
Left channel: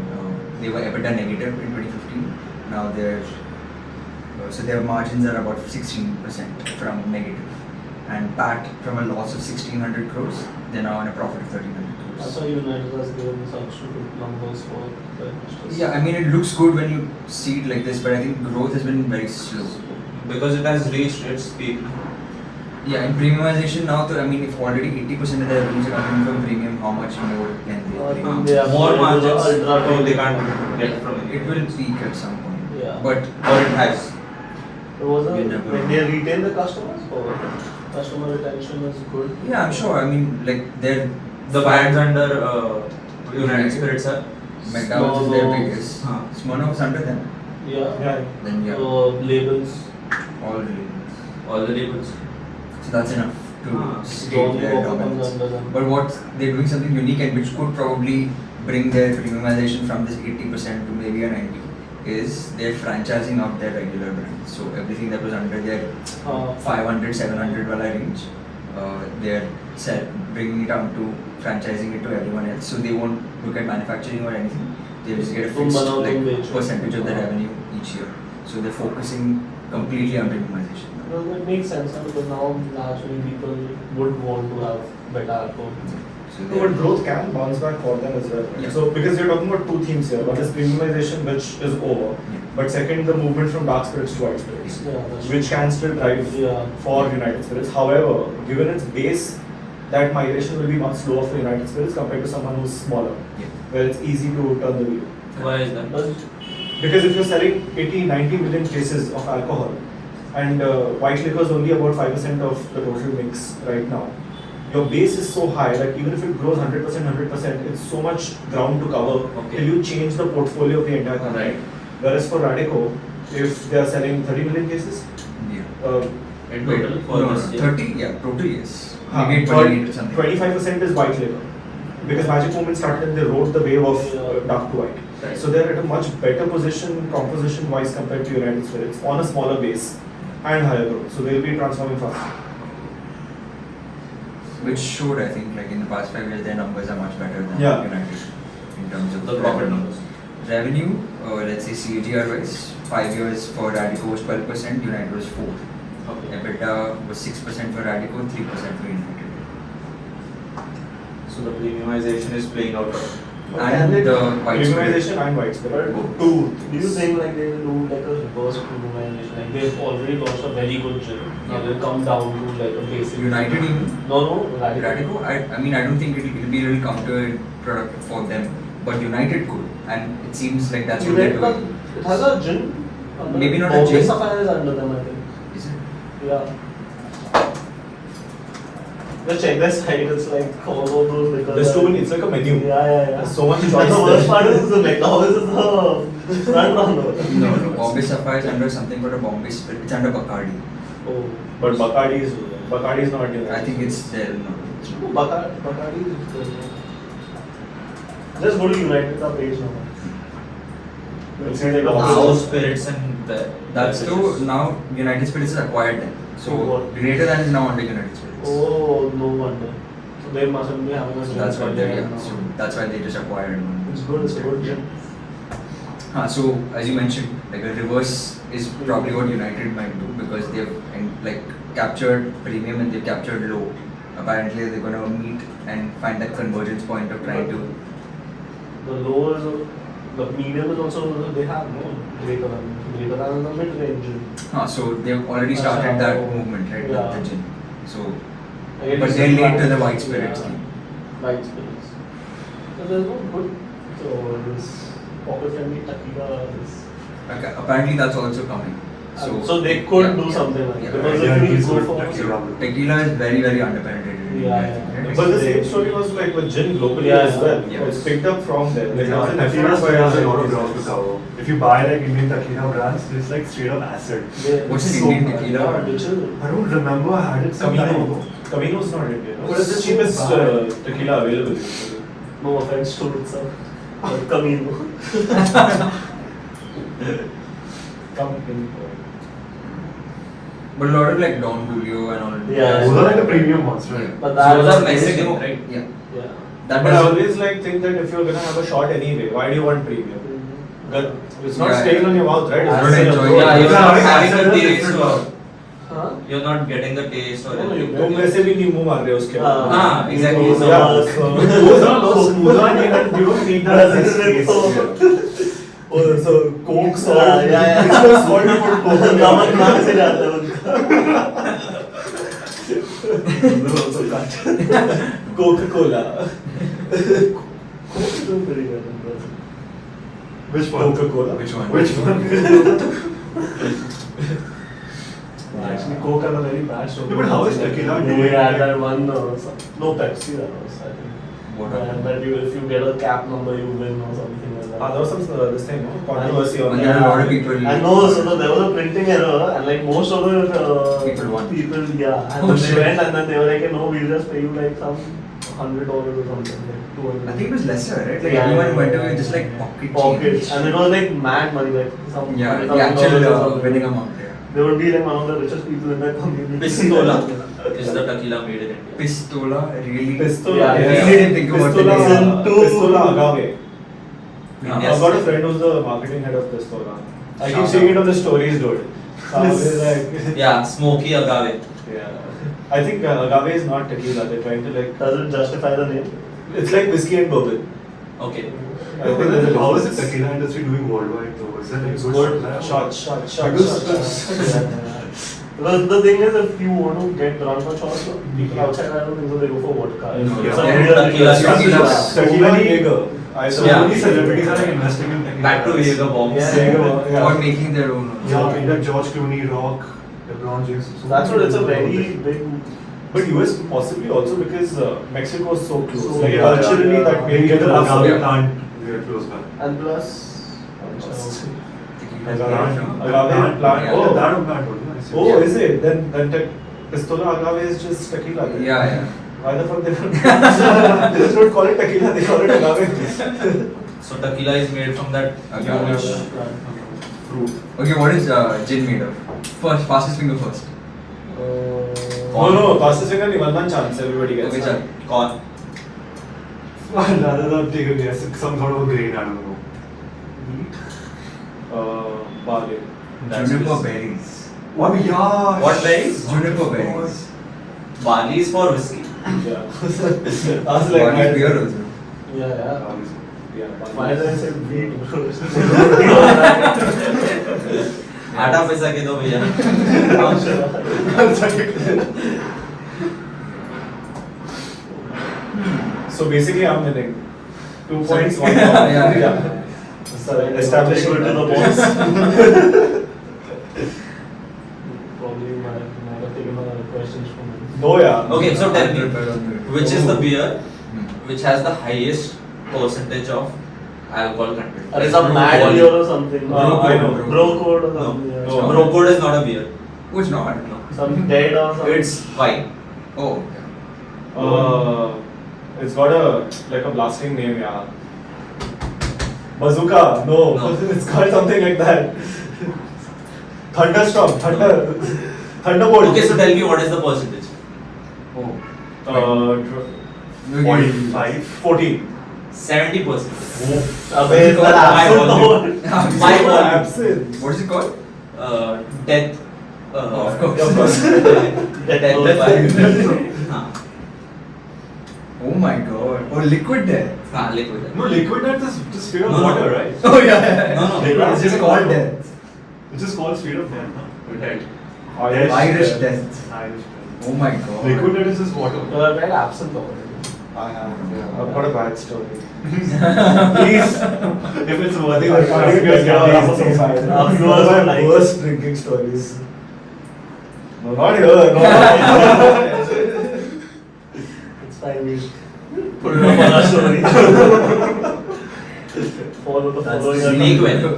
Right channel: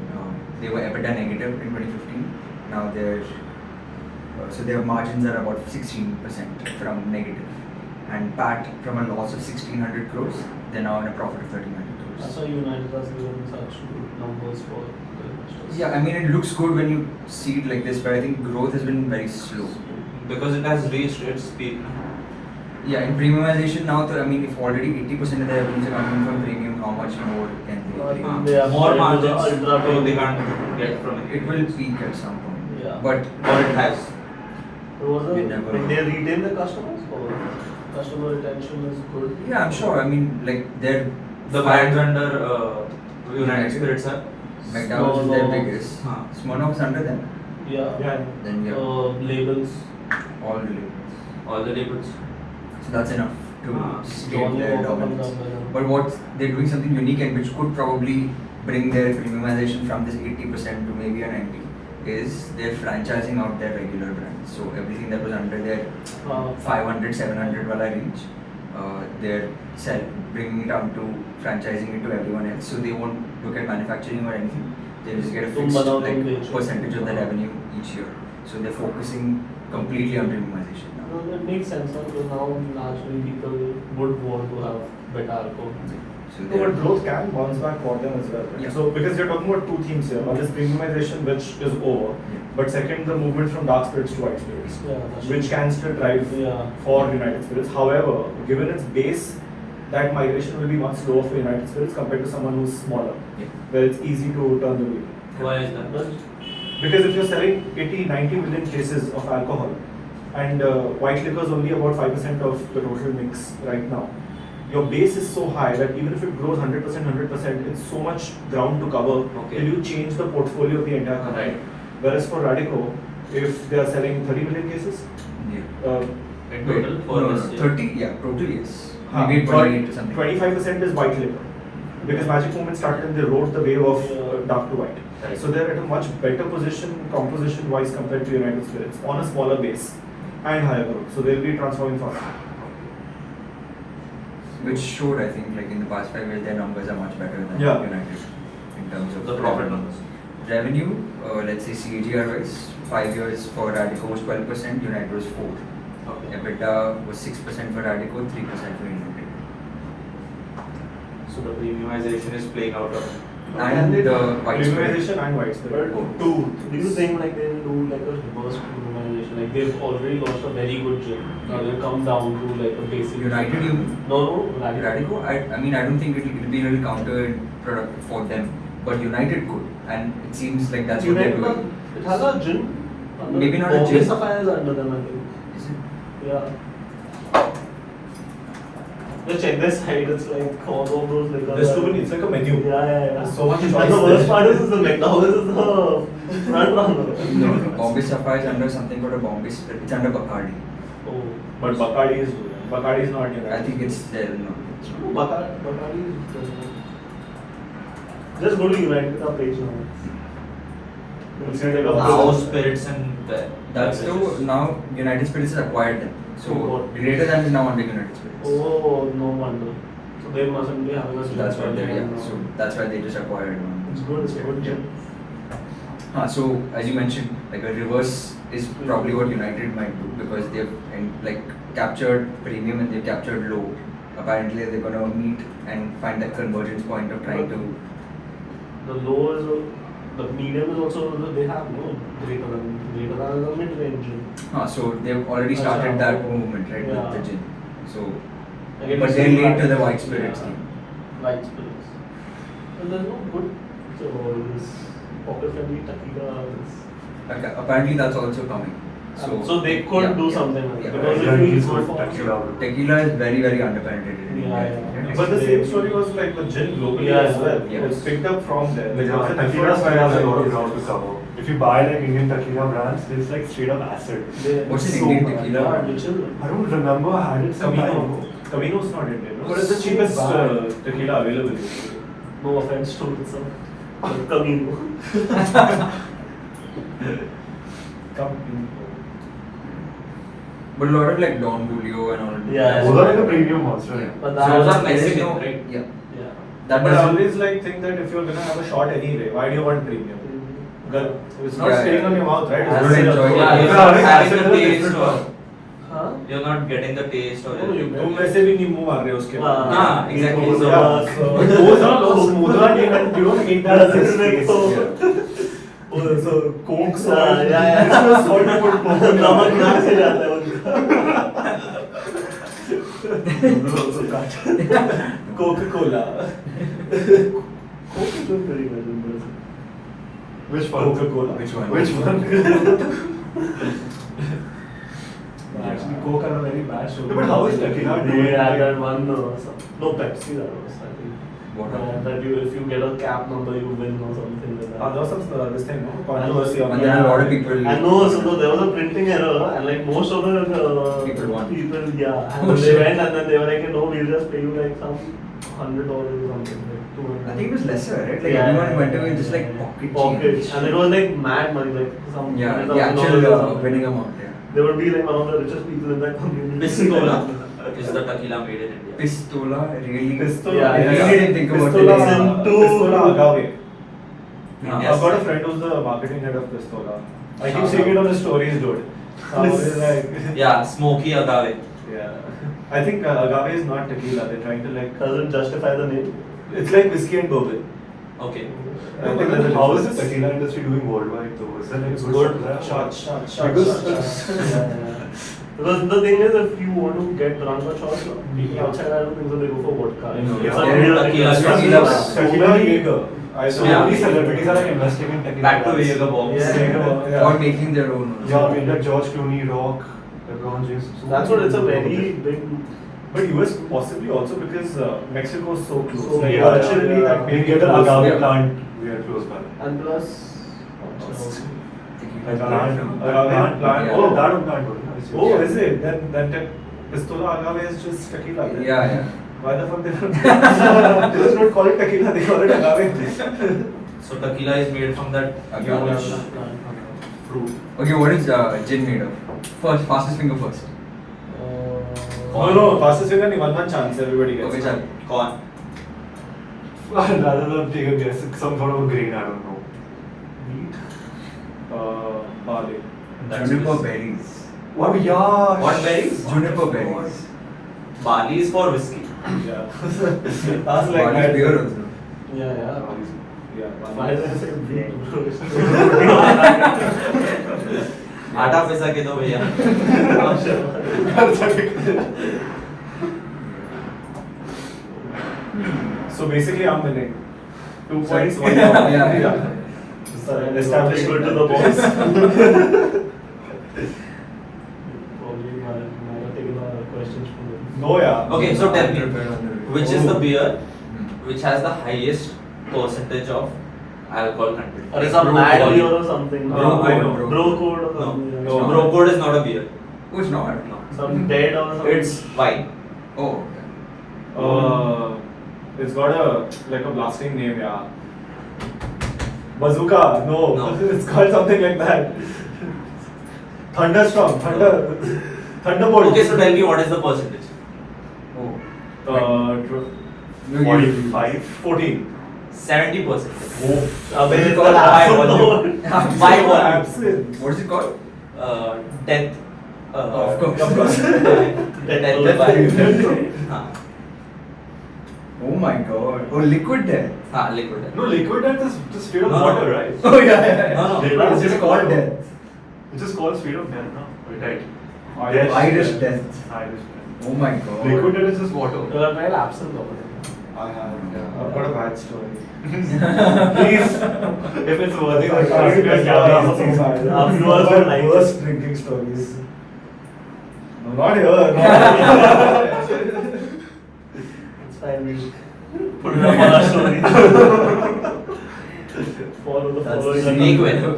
they were EBITDA negative in 2015. Now they're so their margins are about 16% from negative, and PAT from a loss of 1600 crores, they're now on a profit of 1300 That's crores. why United has given such good numbers for the investors. Yeah, I mean it looks good when you see it like this, but I think growth has been very slow. Because it has reached its peak. Yeah, in premiumization now, I mean if already 80% of the revenues are coming from premium, how much more can they I premium? think they are More going to the margins, ultra so they premium. can't get from it. It will peak at some point. Yeah. But Or it has. You never When know. they retain the customers or customer retention is good. yeah, I'm sure. I mean, like they're The brands under United Spirits are. McDonald's is their Smirnoff. biggest. Huh. Smirnoff's under them. Yeah. Yeah. Then yeah, Labels. all really. All the labels. So that's enough to state Johnny their Walker comes dominance. under them. But what they're doing something unique and which could probably bring their premiumization from this 80% to maybe a 90 is they're franchising out their regular brands. So everything that was under their 500, 700 wala range, they're bringing it down to franchising it to everyone else. So they won't look at manufacturing or anything. They just get a Tum fixed banao, tum like becho. percentage of the revenue each year. So they're focusing completely on premiumization now. Well, it makes sense huh? Because now naturally people would want to have better alcohol. So No, they're but growth can bounce back for them as well. Right? Yeah. So because you're talking about two themes here. One is premiumization, which is over, Yeah. but second, the movement from dark spirits to white spirits, Yeah, that's which can still drive Yeah. for United Spirits. However, given its base, that migration will be much slower for United Spirits compared to someone who's smaller, yeah. where it's easy to turn the wheel. Why is that? Does- Because if you're selling 80, 90 million cases of alcohol, and white liquor is only about 5% of the total mix right now, your base is so high that even if it grows 100%, 100%, it's so much ground to cover Okay. till you change the portfolio of the entire company. Right. Whereas for Radico, if they are selling 30 million cases, Yeah. In Wait, total for no, this year? 30, yeah, total yes. Maybe 28 or something. 25% is white liquor. Because Magic Moment started and they rode the wave of dark to white. Right. So they're at a much better position composition wise compared to United Spirits on a smaller base and higher growth. So they'll be transforming faster. Which showed, I think, like in the past 5 years, their numbers are much better than Yeah. United in terms of The profit revenue. numbers. Revenue, let's say CAGR wise, 5 years for Radico was 12%, United was 4. Okay. EBITDA was 6% for Radico, 3% for United. So the premiumization is playing out. And the white spirit. Premiumization and white spirit. Both. Two. Do you think like they'll do like a reverse premiumization? Like they've already launched a very good gin. Now they'll come down to like a basic. United, you mean? No, Radico. Radico, I mean, I don't think it'll be a little counterproductive for them, but United could, and it seems like that's what they're United, doing. it has a gin. under- Maybe not a Bombay gin. Sapphire is under them, I think. Is it? Yeah. Just check this site. It's like all of those liquors. There's too many. It's like a menu. Yeah. There's so much And choice. the worst there. part is the McDowell's is the front runner. No. Bombay Sapphire is under something called a Bombay Spirit. It's under Bacardi. Oh. But Bacardi is not United. I think it's there. No, it's not. No, Bacardi is good. Just go to United page now. You'll see like House spirits and the. That's though now United Spirits has acquired them. So Oh. Greater is now under United Spirits. Oh, no wonder. So they mustn't be having a So that's what they're, yeah. now. So that's why they just acquired one. It's good, it's a good gym. So as you mentioned, like a reverse is probably what United might do because they've like captured premium and they've captured low. Apparently they're gonna meet and find that convergence point of trying to. The low is But medium is also they have no greater than the mid range. So they've already started Achha, that oh, movement, right, yeah. with the gin. So, Again, but it's they're the late to the white- white spirit yeah. scheme. White spirits. So there's no good this pocket friendly tequila. Apparently that's also coming. So they could yeah, do yeah, something like yeah. that. Because Yeah, if we it's go good for tequila. Tequila is very, very underpenetrated in Yeah, India. yeah. Right? But the same story was like with gin globally Yeah, as well. yeah. It's picked up from there. Like, Yeah, there was an tequila effort has a lot of by- ground to cover. If you buy like Indian tequila brands, it's like straight up acid. What's an Indian tequila? Which is I don't remember. I had it some time Camino. ago. Camino is not Indian. No? What is It's the it cheapest called? tequila available. no offense to itself. Camino. But a lot of like Don Julio and all of Yeah. Those are like the premium ones, right? But So that those are there is Mexican, no- right? Yeah. Yeah. That But I doesn't- always like think that if you're gonna have a shot anyway, why do you want premium? Good. It's not Yeah, staying yeah. on your mouth, right? You It's don't just enjoy a- it. Yeah, you're Yeah, not it's having acid the is taste different or Huh? you're not getting the taste or No, anything. तुम वैसे भी नहीं मुंह मार रहे हो उसके बाद। हाँ, exactly. So, Yeah, so those are the smoother and you don't need that That's taste. it. Oh, so Coke, salt. Yeah, yeah. This was salt you put Coke. नमक नाक से जाता है उनका। Coca-Cola. Coke is doing pretty well in Brazil. Which one? Coca-Cola. Which one? Which one? Actually, Coke are a very bad show. No, but how is tequila They doing? had that one, no Pepsi that was, I think. What happened? That you, if you get a cap number, you win or something like that. There was some this thing, no? Controversy on And there are a lot of people. I know, so there was a printing error, and like most of the People won. yeah. And Oh, they shit. went and then they were like, no, we'll just pay you like some $100 or something, like 200. I think it was lesser, right? Like Yeah, everyone went to yeah, just like yeah. pocket Pockets, change. and it was like mad money, like some Yeah, like the actual $1,000 or something. winning amount. Yeah. They would be like one of the richest people in that community. Pistola is the tequila made in India. Pistola, really? Pistola. Yeah, I really didn't think about the Pistola, name. Pistola Agave. Yes. I've got a friend who's the marketing head of Pistola. I keep Shout seeing out. it on the stories, dude. So I was like, Yeah, smoky agave. yeah. I think agave is not tequila. They're trying to like. Doesn't justify the name. It's like whiskey and bourbon. Okay. I think there's a How is the difference. tequila industry doing worldwide though? Is it like It's good good. supply? Shot. Because- Because the thing is, if you want to get drunk or shots, people outside, I don't think so they go for vodka. No, It's yeah. a Yeah, beer, tequila, it's a tequila. beer. Tequila and Jaeger. I saw Yeah. many celebrities are like investing in tequila. Back to Jaeger bombs. Yeah. Jaeger, yeah. Or making their own. also. Yeah, okay, like George Clooney, Rock, LeBron James. so That's what, it's a very big. But US possibly also because Mexico is so close. So like yeah, culturally, yeah, that We made get it the also. agave Yeah. plant very close by. And plus, Tequila is Agave. made from- Agave plant. Yeah. Oh, that plant was nice. Oh, Yeah. is it? Then Pistola Agave is just tequila. then. Yeah, yeah. Why the fuck they don't? They just don't call it tequila. They call it agave. So tequila is made from that Agave. unique fruit. Okay, what is gin made of? First, fastest finger first. No, fastest finger, one chance. Everybody gets. Okay, chal. Corn. I'd rather not take a guess. It's some sort of a grain, I don't know. Barley. That's Juniper whiskey. berries. Oh, yeah. What berries? Juniper berries. Barley is for whiskey. Yeah. I was like, Barley I- beer also. yeah. Yeah, Why barley. did I say wheat? आटा पैसा के दो भैया. So basically, I'm winning. 2 Sorry. points, 1 Yeah, point. yeah. Sorry, Establishing to the that. boss. Probably might have taken a questions from him. No, yeah. Okay, so tell me, Prepare on the- which is the Oh. beer Hmm. which has the highest percentage of alcohol content? Or is Like a brew mad volume. beer or something? I know. Bro code or No. something. yeah. No. Bro code is not a beer. Oh, it's not. Some dead or something. It's wine. Oh, okay. It's got a blasting name, yeah. Bazooka, no. No. It's called something like that. Thunderstorm, Thunderbolt. Okay, so tell me what is the percentage? Oh. Uh, No, you- 45. 14. 70%. Abhay, Is it called? that My absent volume. though. My Oh, volume. absinthe. What is it called? Death. Of course. Death Death by- by- हाँ. Oh my god. Oh, liquid death. Liquid. No, liquid death is just straight up No. water, right? Oh yeah. No. It's just called death. It's just called straight up death, no? Right. Irish death. Irish Oh my god. Liquid death is just water. You are very absent over it. I've got a bad story. Please, if it's worthy, I like, can't you guys get can so bad. Our These viewers are would my like worst drinking stories. No, not here. Not It's fine, we'll put it up on our story. Follow the That's following. Snake venom.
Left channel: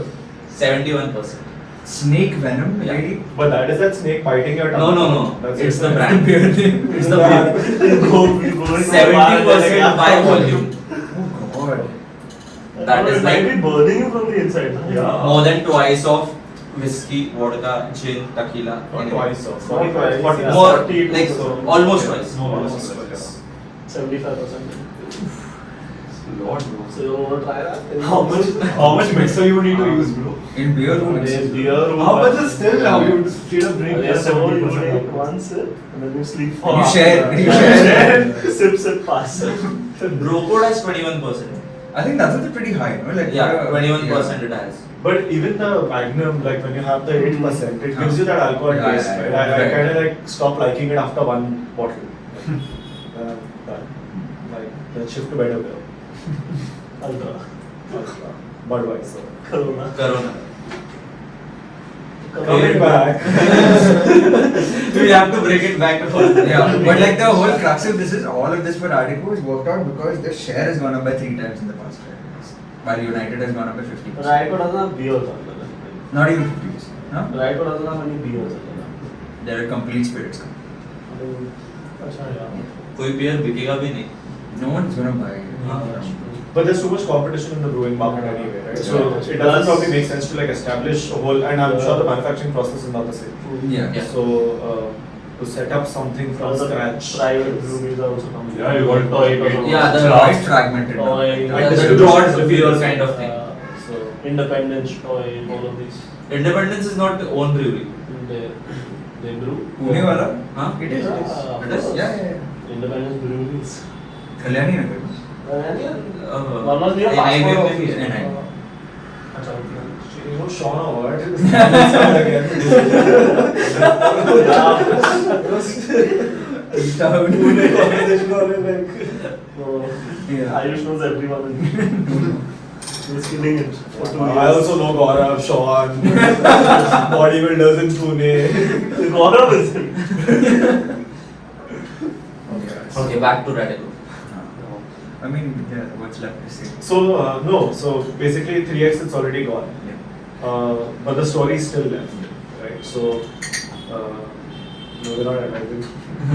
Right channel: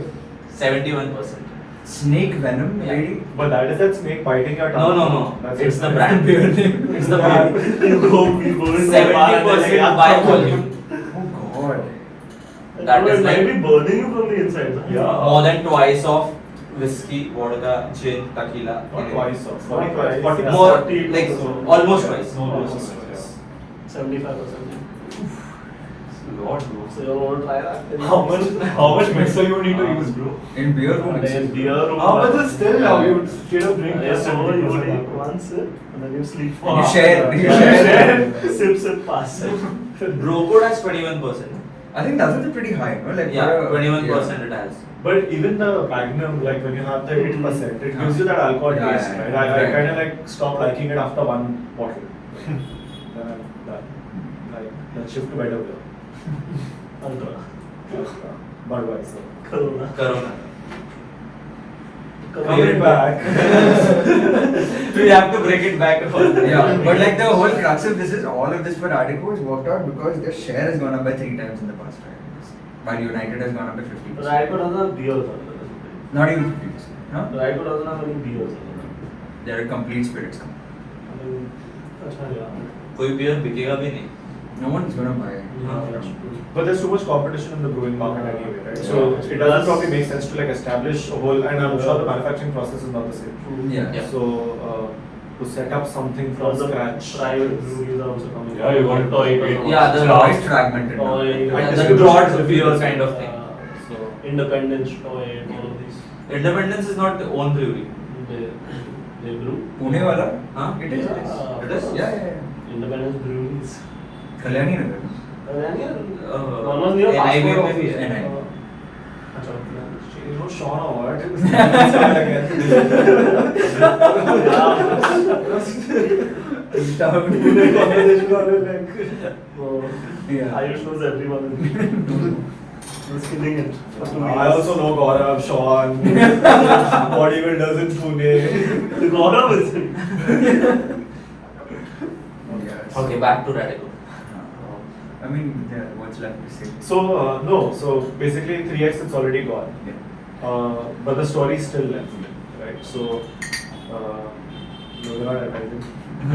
71%. Snake venom, Yeah. lady. But that is that snake biting your tongue. No. That's It's it. the brand. It's the brand. You go in the 70% by volume. Oh god. That is it might like be burning you from the inside. Yeah. more than twice of whiskey, vodka, gin, tequila. Not Anyway. twice. Or Not twice. 40, More, 40, like so- almost Yeah. twice. Almost twice. 75%. Lord, bro. So you want to try that? How much mixer you need to use, bro? In beer room. And then beer room. How much is still now? You straight up drink Yeah, just so you 70% take alcohol. one sip and then you sleep for You half share. an You hour. share. Sip, pass. Bro code has 21%. I think that's also pretty high, no? Like Yeah, for a- 21% it has. But even the Magnum, like when you have the 8%, it gives you that alcohol Yeah, taste. yeah, right? yeah. I Right. kind of like stopped liking it after one bottle. But like, let's shift to better beer. Budweiser. Corona. Corona. Coming back. We have to break it back to home. Yeah, but like the whole crux of this is all of this for Radico is worked out because their share has gone up by 3 times in the past 5 years, while United has gone up by 50%. But Radico doesn't have beers on it. Not even 50%. Huh? Radico doesn't have any beers on They're a complete spirits company. it. अच्छा यार. कोई beer बिकेगा भी नहीं. No one's gonna buy. But there's too much competition in the brewing market anyway, right? So Yeah. it doesn't probably make sense to like establish a whole, and I'm sure the manufacturing process is not the same. Yeah. Yeah. So to set up something from Also, scratch. private breweries are also coming. Yeah, you got toy. Yeah, the Quite fragmented. now. Toy. Yeah, the the broad distribution beer is kind of thing. So Independence, toy, all of these. Independence is not own brewery. They brew. Pune wala? Huh? It is. Yeah. It is? Yeah. Independence breweries. Kalyani Nagar. One was near NIB passport only. office. NIB. अच्छा, okay. you know Sean or what? Start again. Pune conversation or like. So, Yeah. Irish knows everyone. He's killing it. For 2 years. I also know Gaurav, Sean, bodybuilders in Pune. Gaurav is in. Yeah. Okay, back to Radico. I mean, yeah, what's left to say? So no, so basically 3x it's already gone. Yeah. But the story is still left, right? So moving on, I think.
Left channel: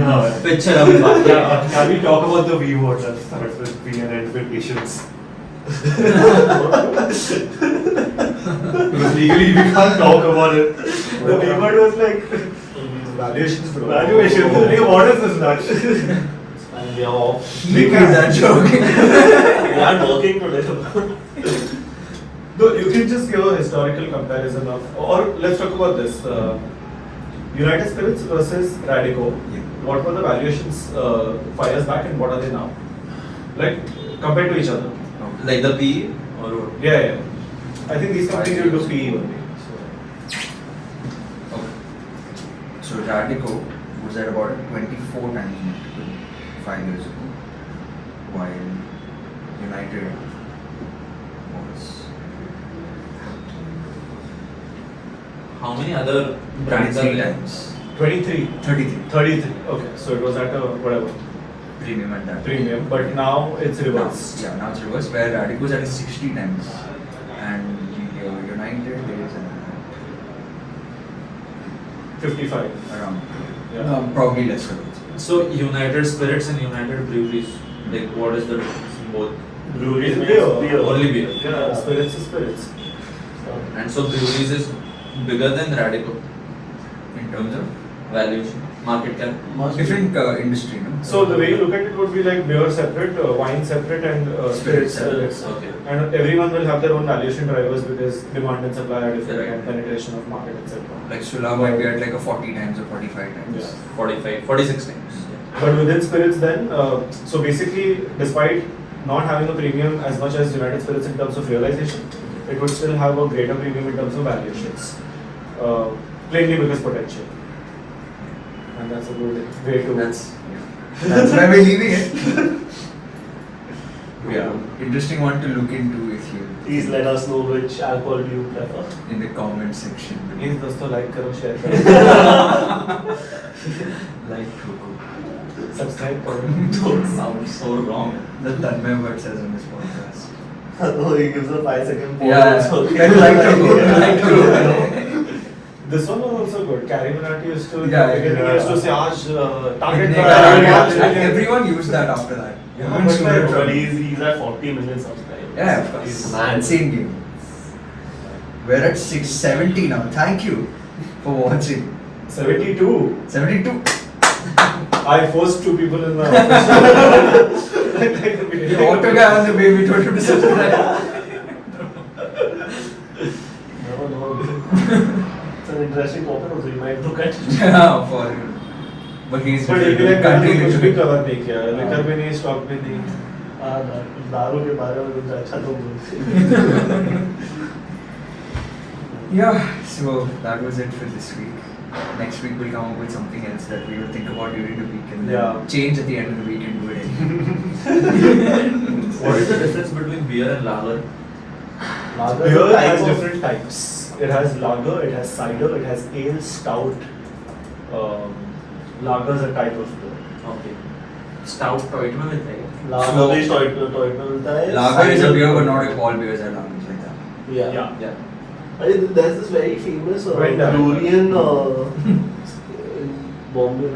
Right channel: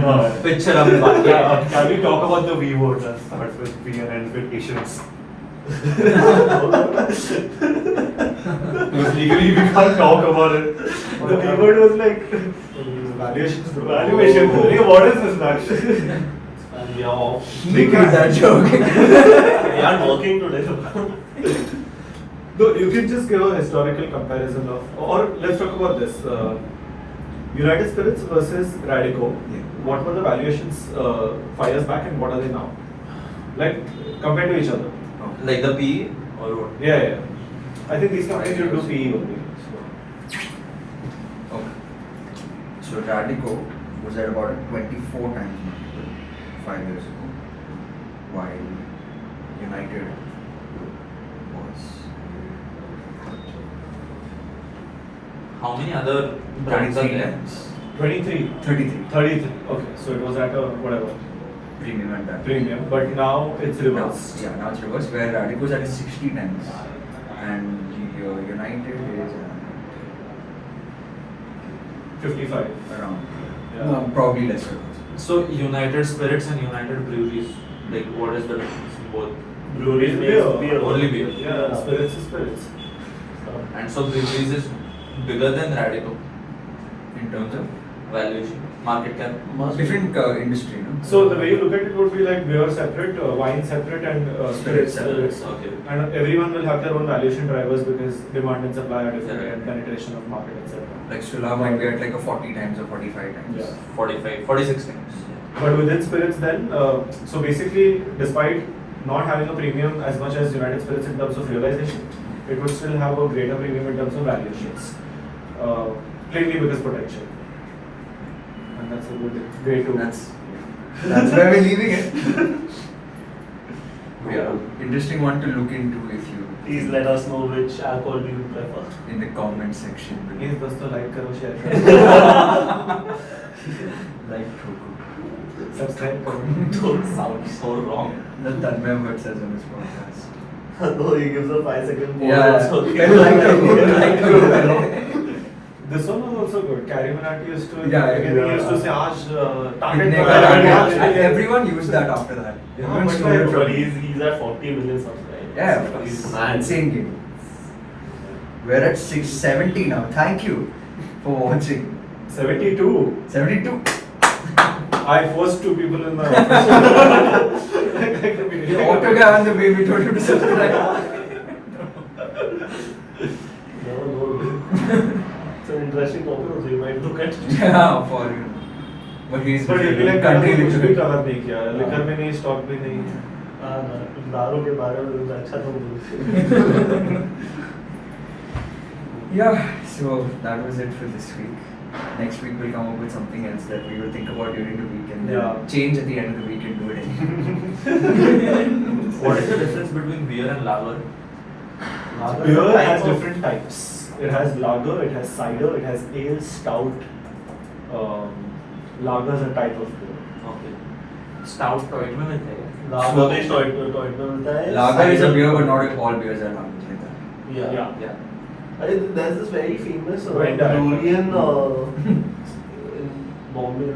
Yeah. Picture अभी बाकी है. Yeah, can we talk about the V word that starts with V and ends with patience? Because legally we can't talk about it. The B word was like valuations. bro. Valuation. What is this nonsense? And we are off. He made that joke. We are working today. No, you can just give a historical comparison of, or let's talk about this. United Spirits versus Radico. Yeah. What were the valuations 5 years back and what are they now? Like compared to each other. Like the P or what? Yeah, yeah. I think these companies 5 will do years. PE only. Okay. So Radico was at about 24 times multiple 5 years ago, while United was How many other brands are 33 there? times. 23. 33 33. Okay, so it was at a whatever premium at that. premium, but now it's reversed. Now, yeah, now it's reversed, where Radico is at 60 times, and United is at 55. around, Yeah. no, probably lesser. So United Spirits and United Breweries, like what is the difference in both? Breweries makes Beer. beer. Only beer. Yeah, spirits is spirits. And so breweries is bigger than Radico In terms of valuation, market cap. different industry, no? So the way you look at it would be like beer separate, wine separate, and spirits Spirits separate. Okay. And everyone will have their own valuation drivers because demand and supply are different Yeah. and penetration of market, etc. Like Sula might be at like a 40 times or 45 times. Yeah. 45, 46 times. But within spirits, then, so basically, despite not having a premium as much as United Spirits in terms of realization, it would still have a greater premium in terms of valuations. Plainly because potential. And that's a good way to. That's why we're leaving it. Yeah, interesting one to look into if you. Please let us know which alcohol do you prefer. In the comment section. Please, dosto, like karo, share karo. Like Coco. Subscribe karo. Don't sound so wrong. That Tanmay Bhatt says on his podcast. No, he gives a 5-second pause. Yeah, So like Coco. Like Coco. This one was also good. Carrie Minati used to. Yeah, he used to say, target And everyone used that after that. Yeah, Everyone stole it but from he's at 40 million subscribers. Yeah, of course. He's Insane game. We're at 670 now. Thank you for watching. 72. 72. I forced 2 people in the office. The auto guy on the way, we told him to subscribe. Never know. It's an interesting topic, also you might look at it. Yeah, for him. But he's But different. एक Country कुछ भी different. Cover नहीं किया, liquor भी नहीं, stock भी नहीं. दारू के बारे में कुछ अच्छा तो बोल. Yeah, so that was it for this week. Next week we'll come up with something else that we will think about during the week and Yeah. then change at the end of the week and do it anyway. What is the difference between beer and lager? Beer has different types. It has lager, it has cider, it has ale, stout. Lager is a type of beer. Okay. Stout toit में मिलता है क्या? लागर भी टॉयट में मिलता है. Lager is a beer, but not all beers are lagers like that. Yeah. Yeah. There's this very famous Right, Durian in Bombay.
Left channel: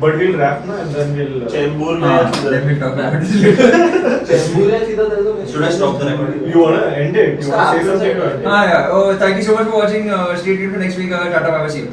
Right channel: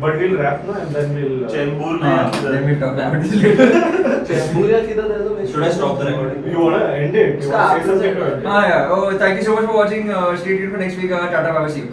But we'll wrap now and then we'll. Chembur में. Let me talk about this later. Chembur है सीधा there's a. Should I stop the recording? You wanna end it? You wanna say something? Yeah. Oh, thank you so much for watching. Stay tuned for next week. Tata, bye bye. See you.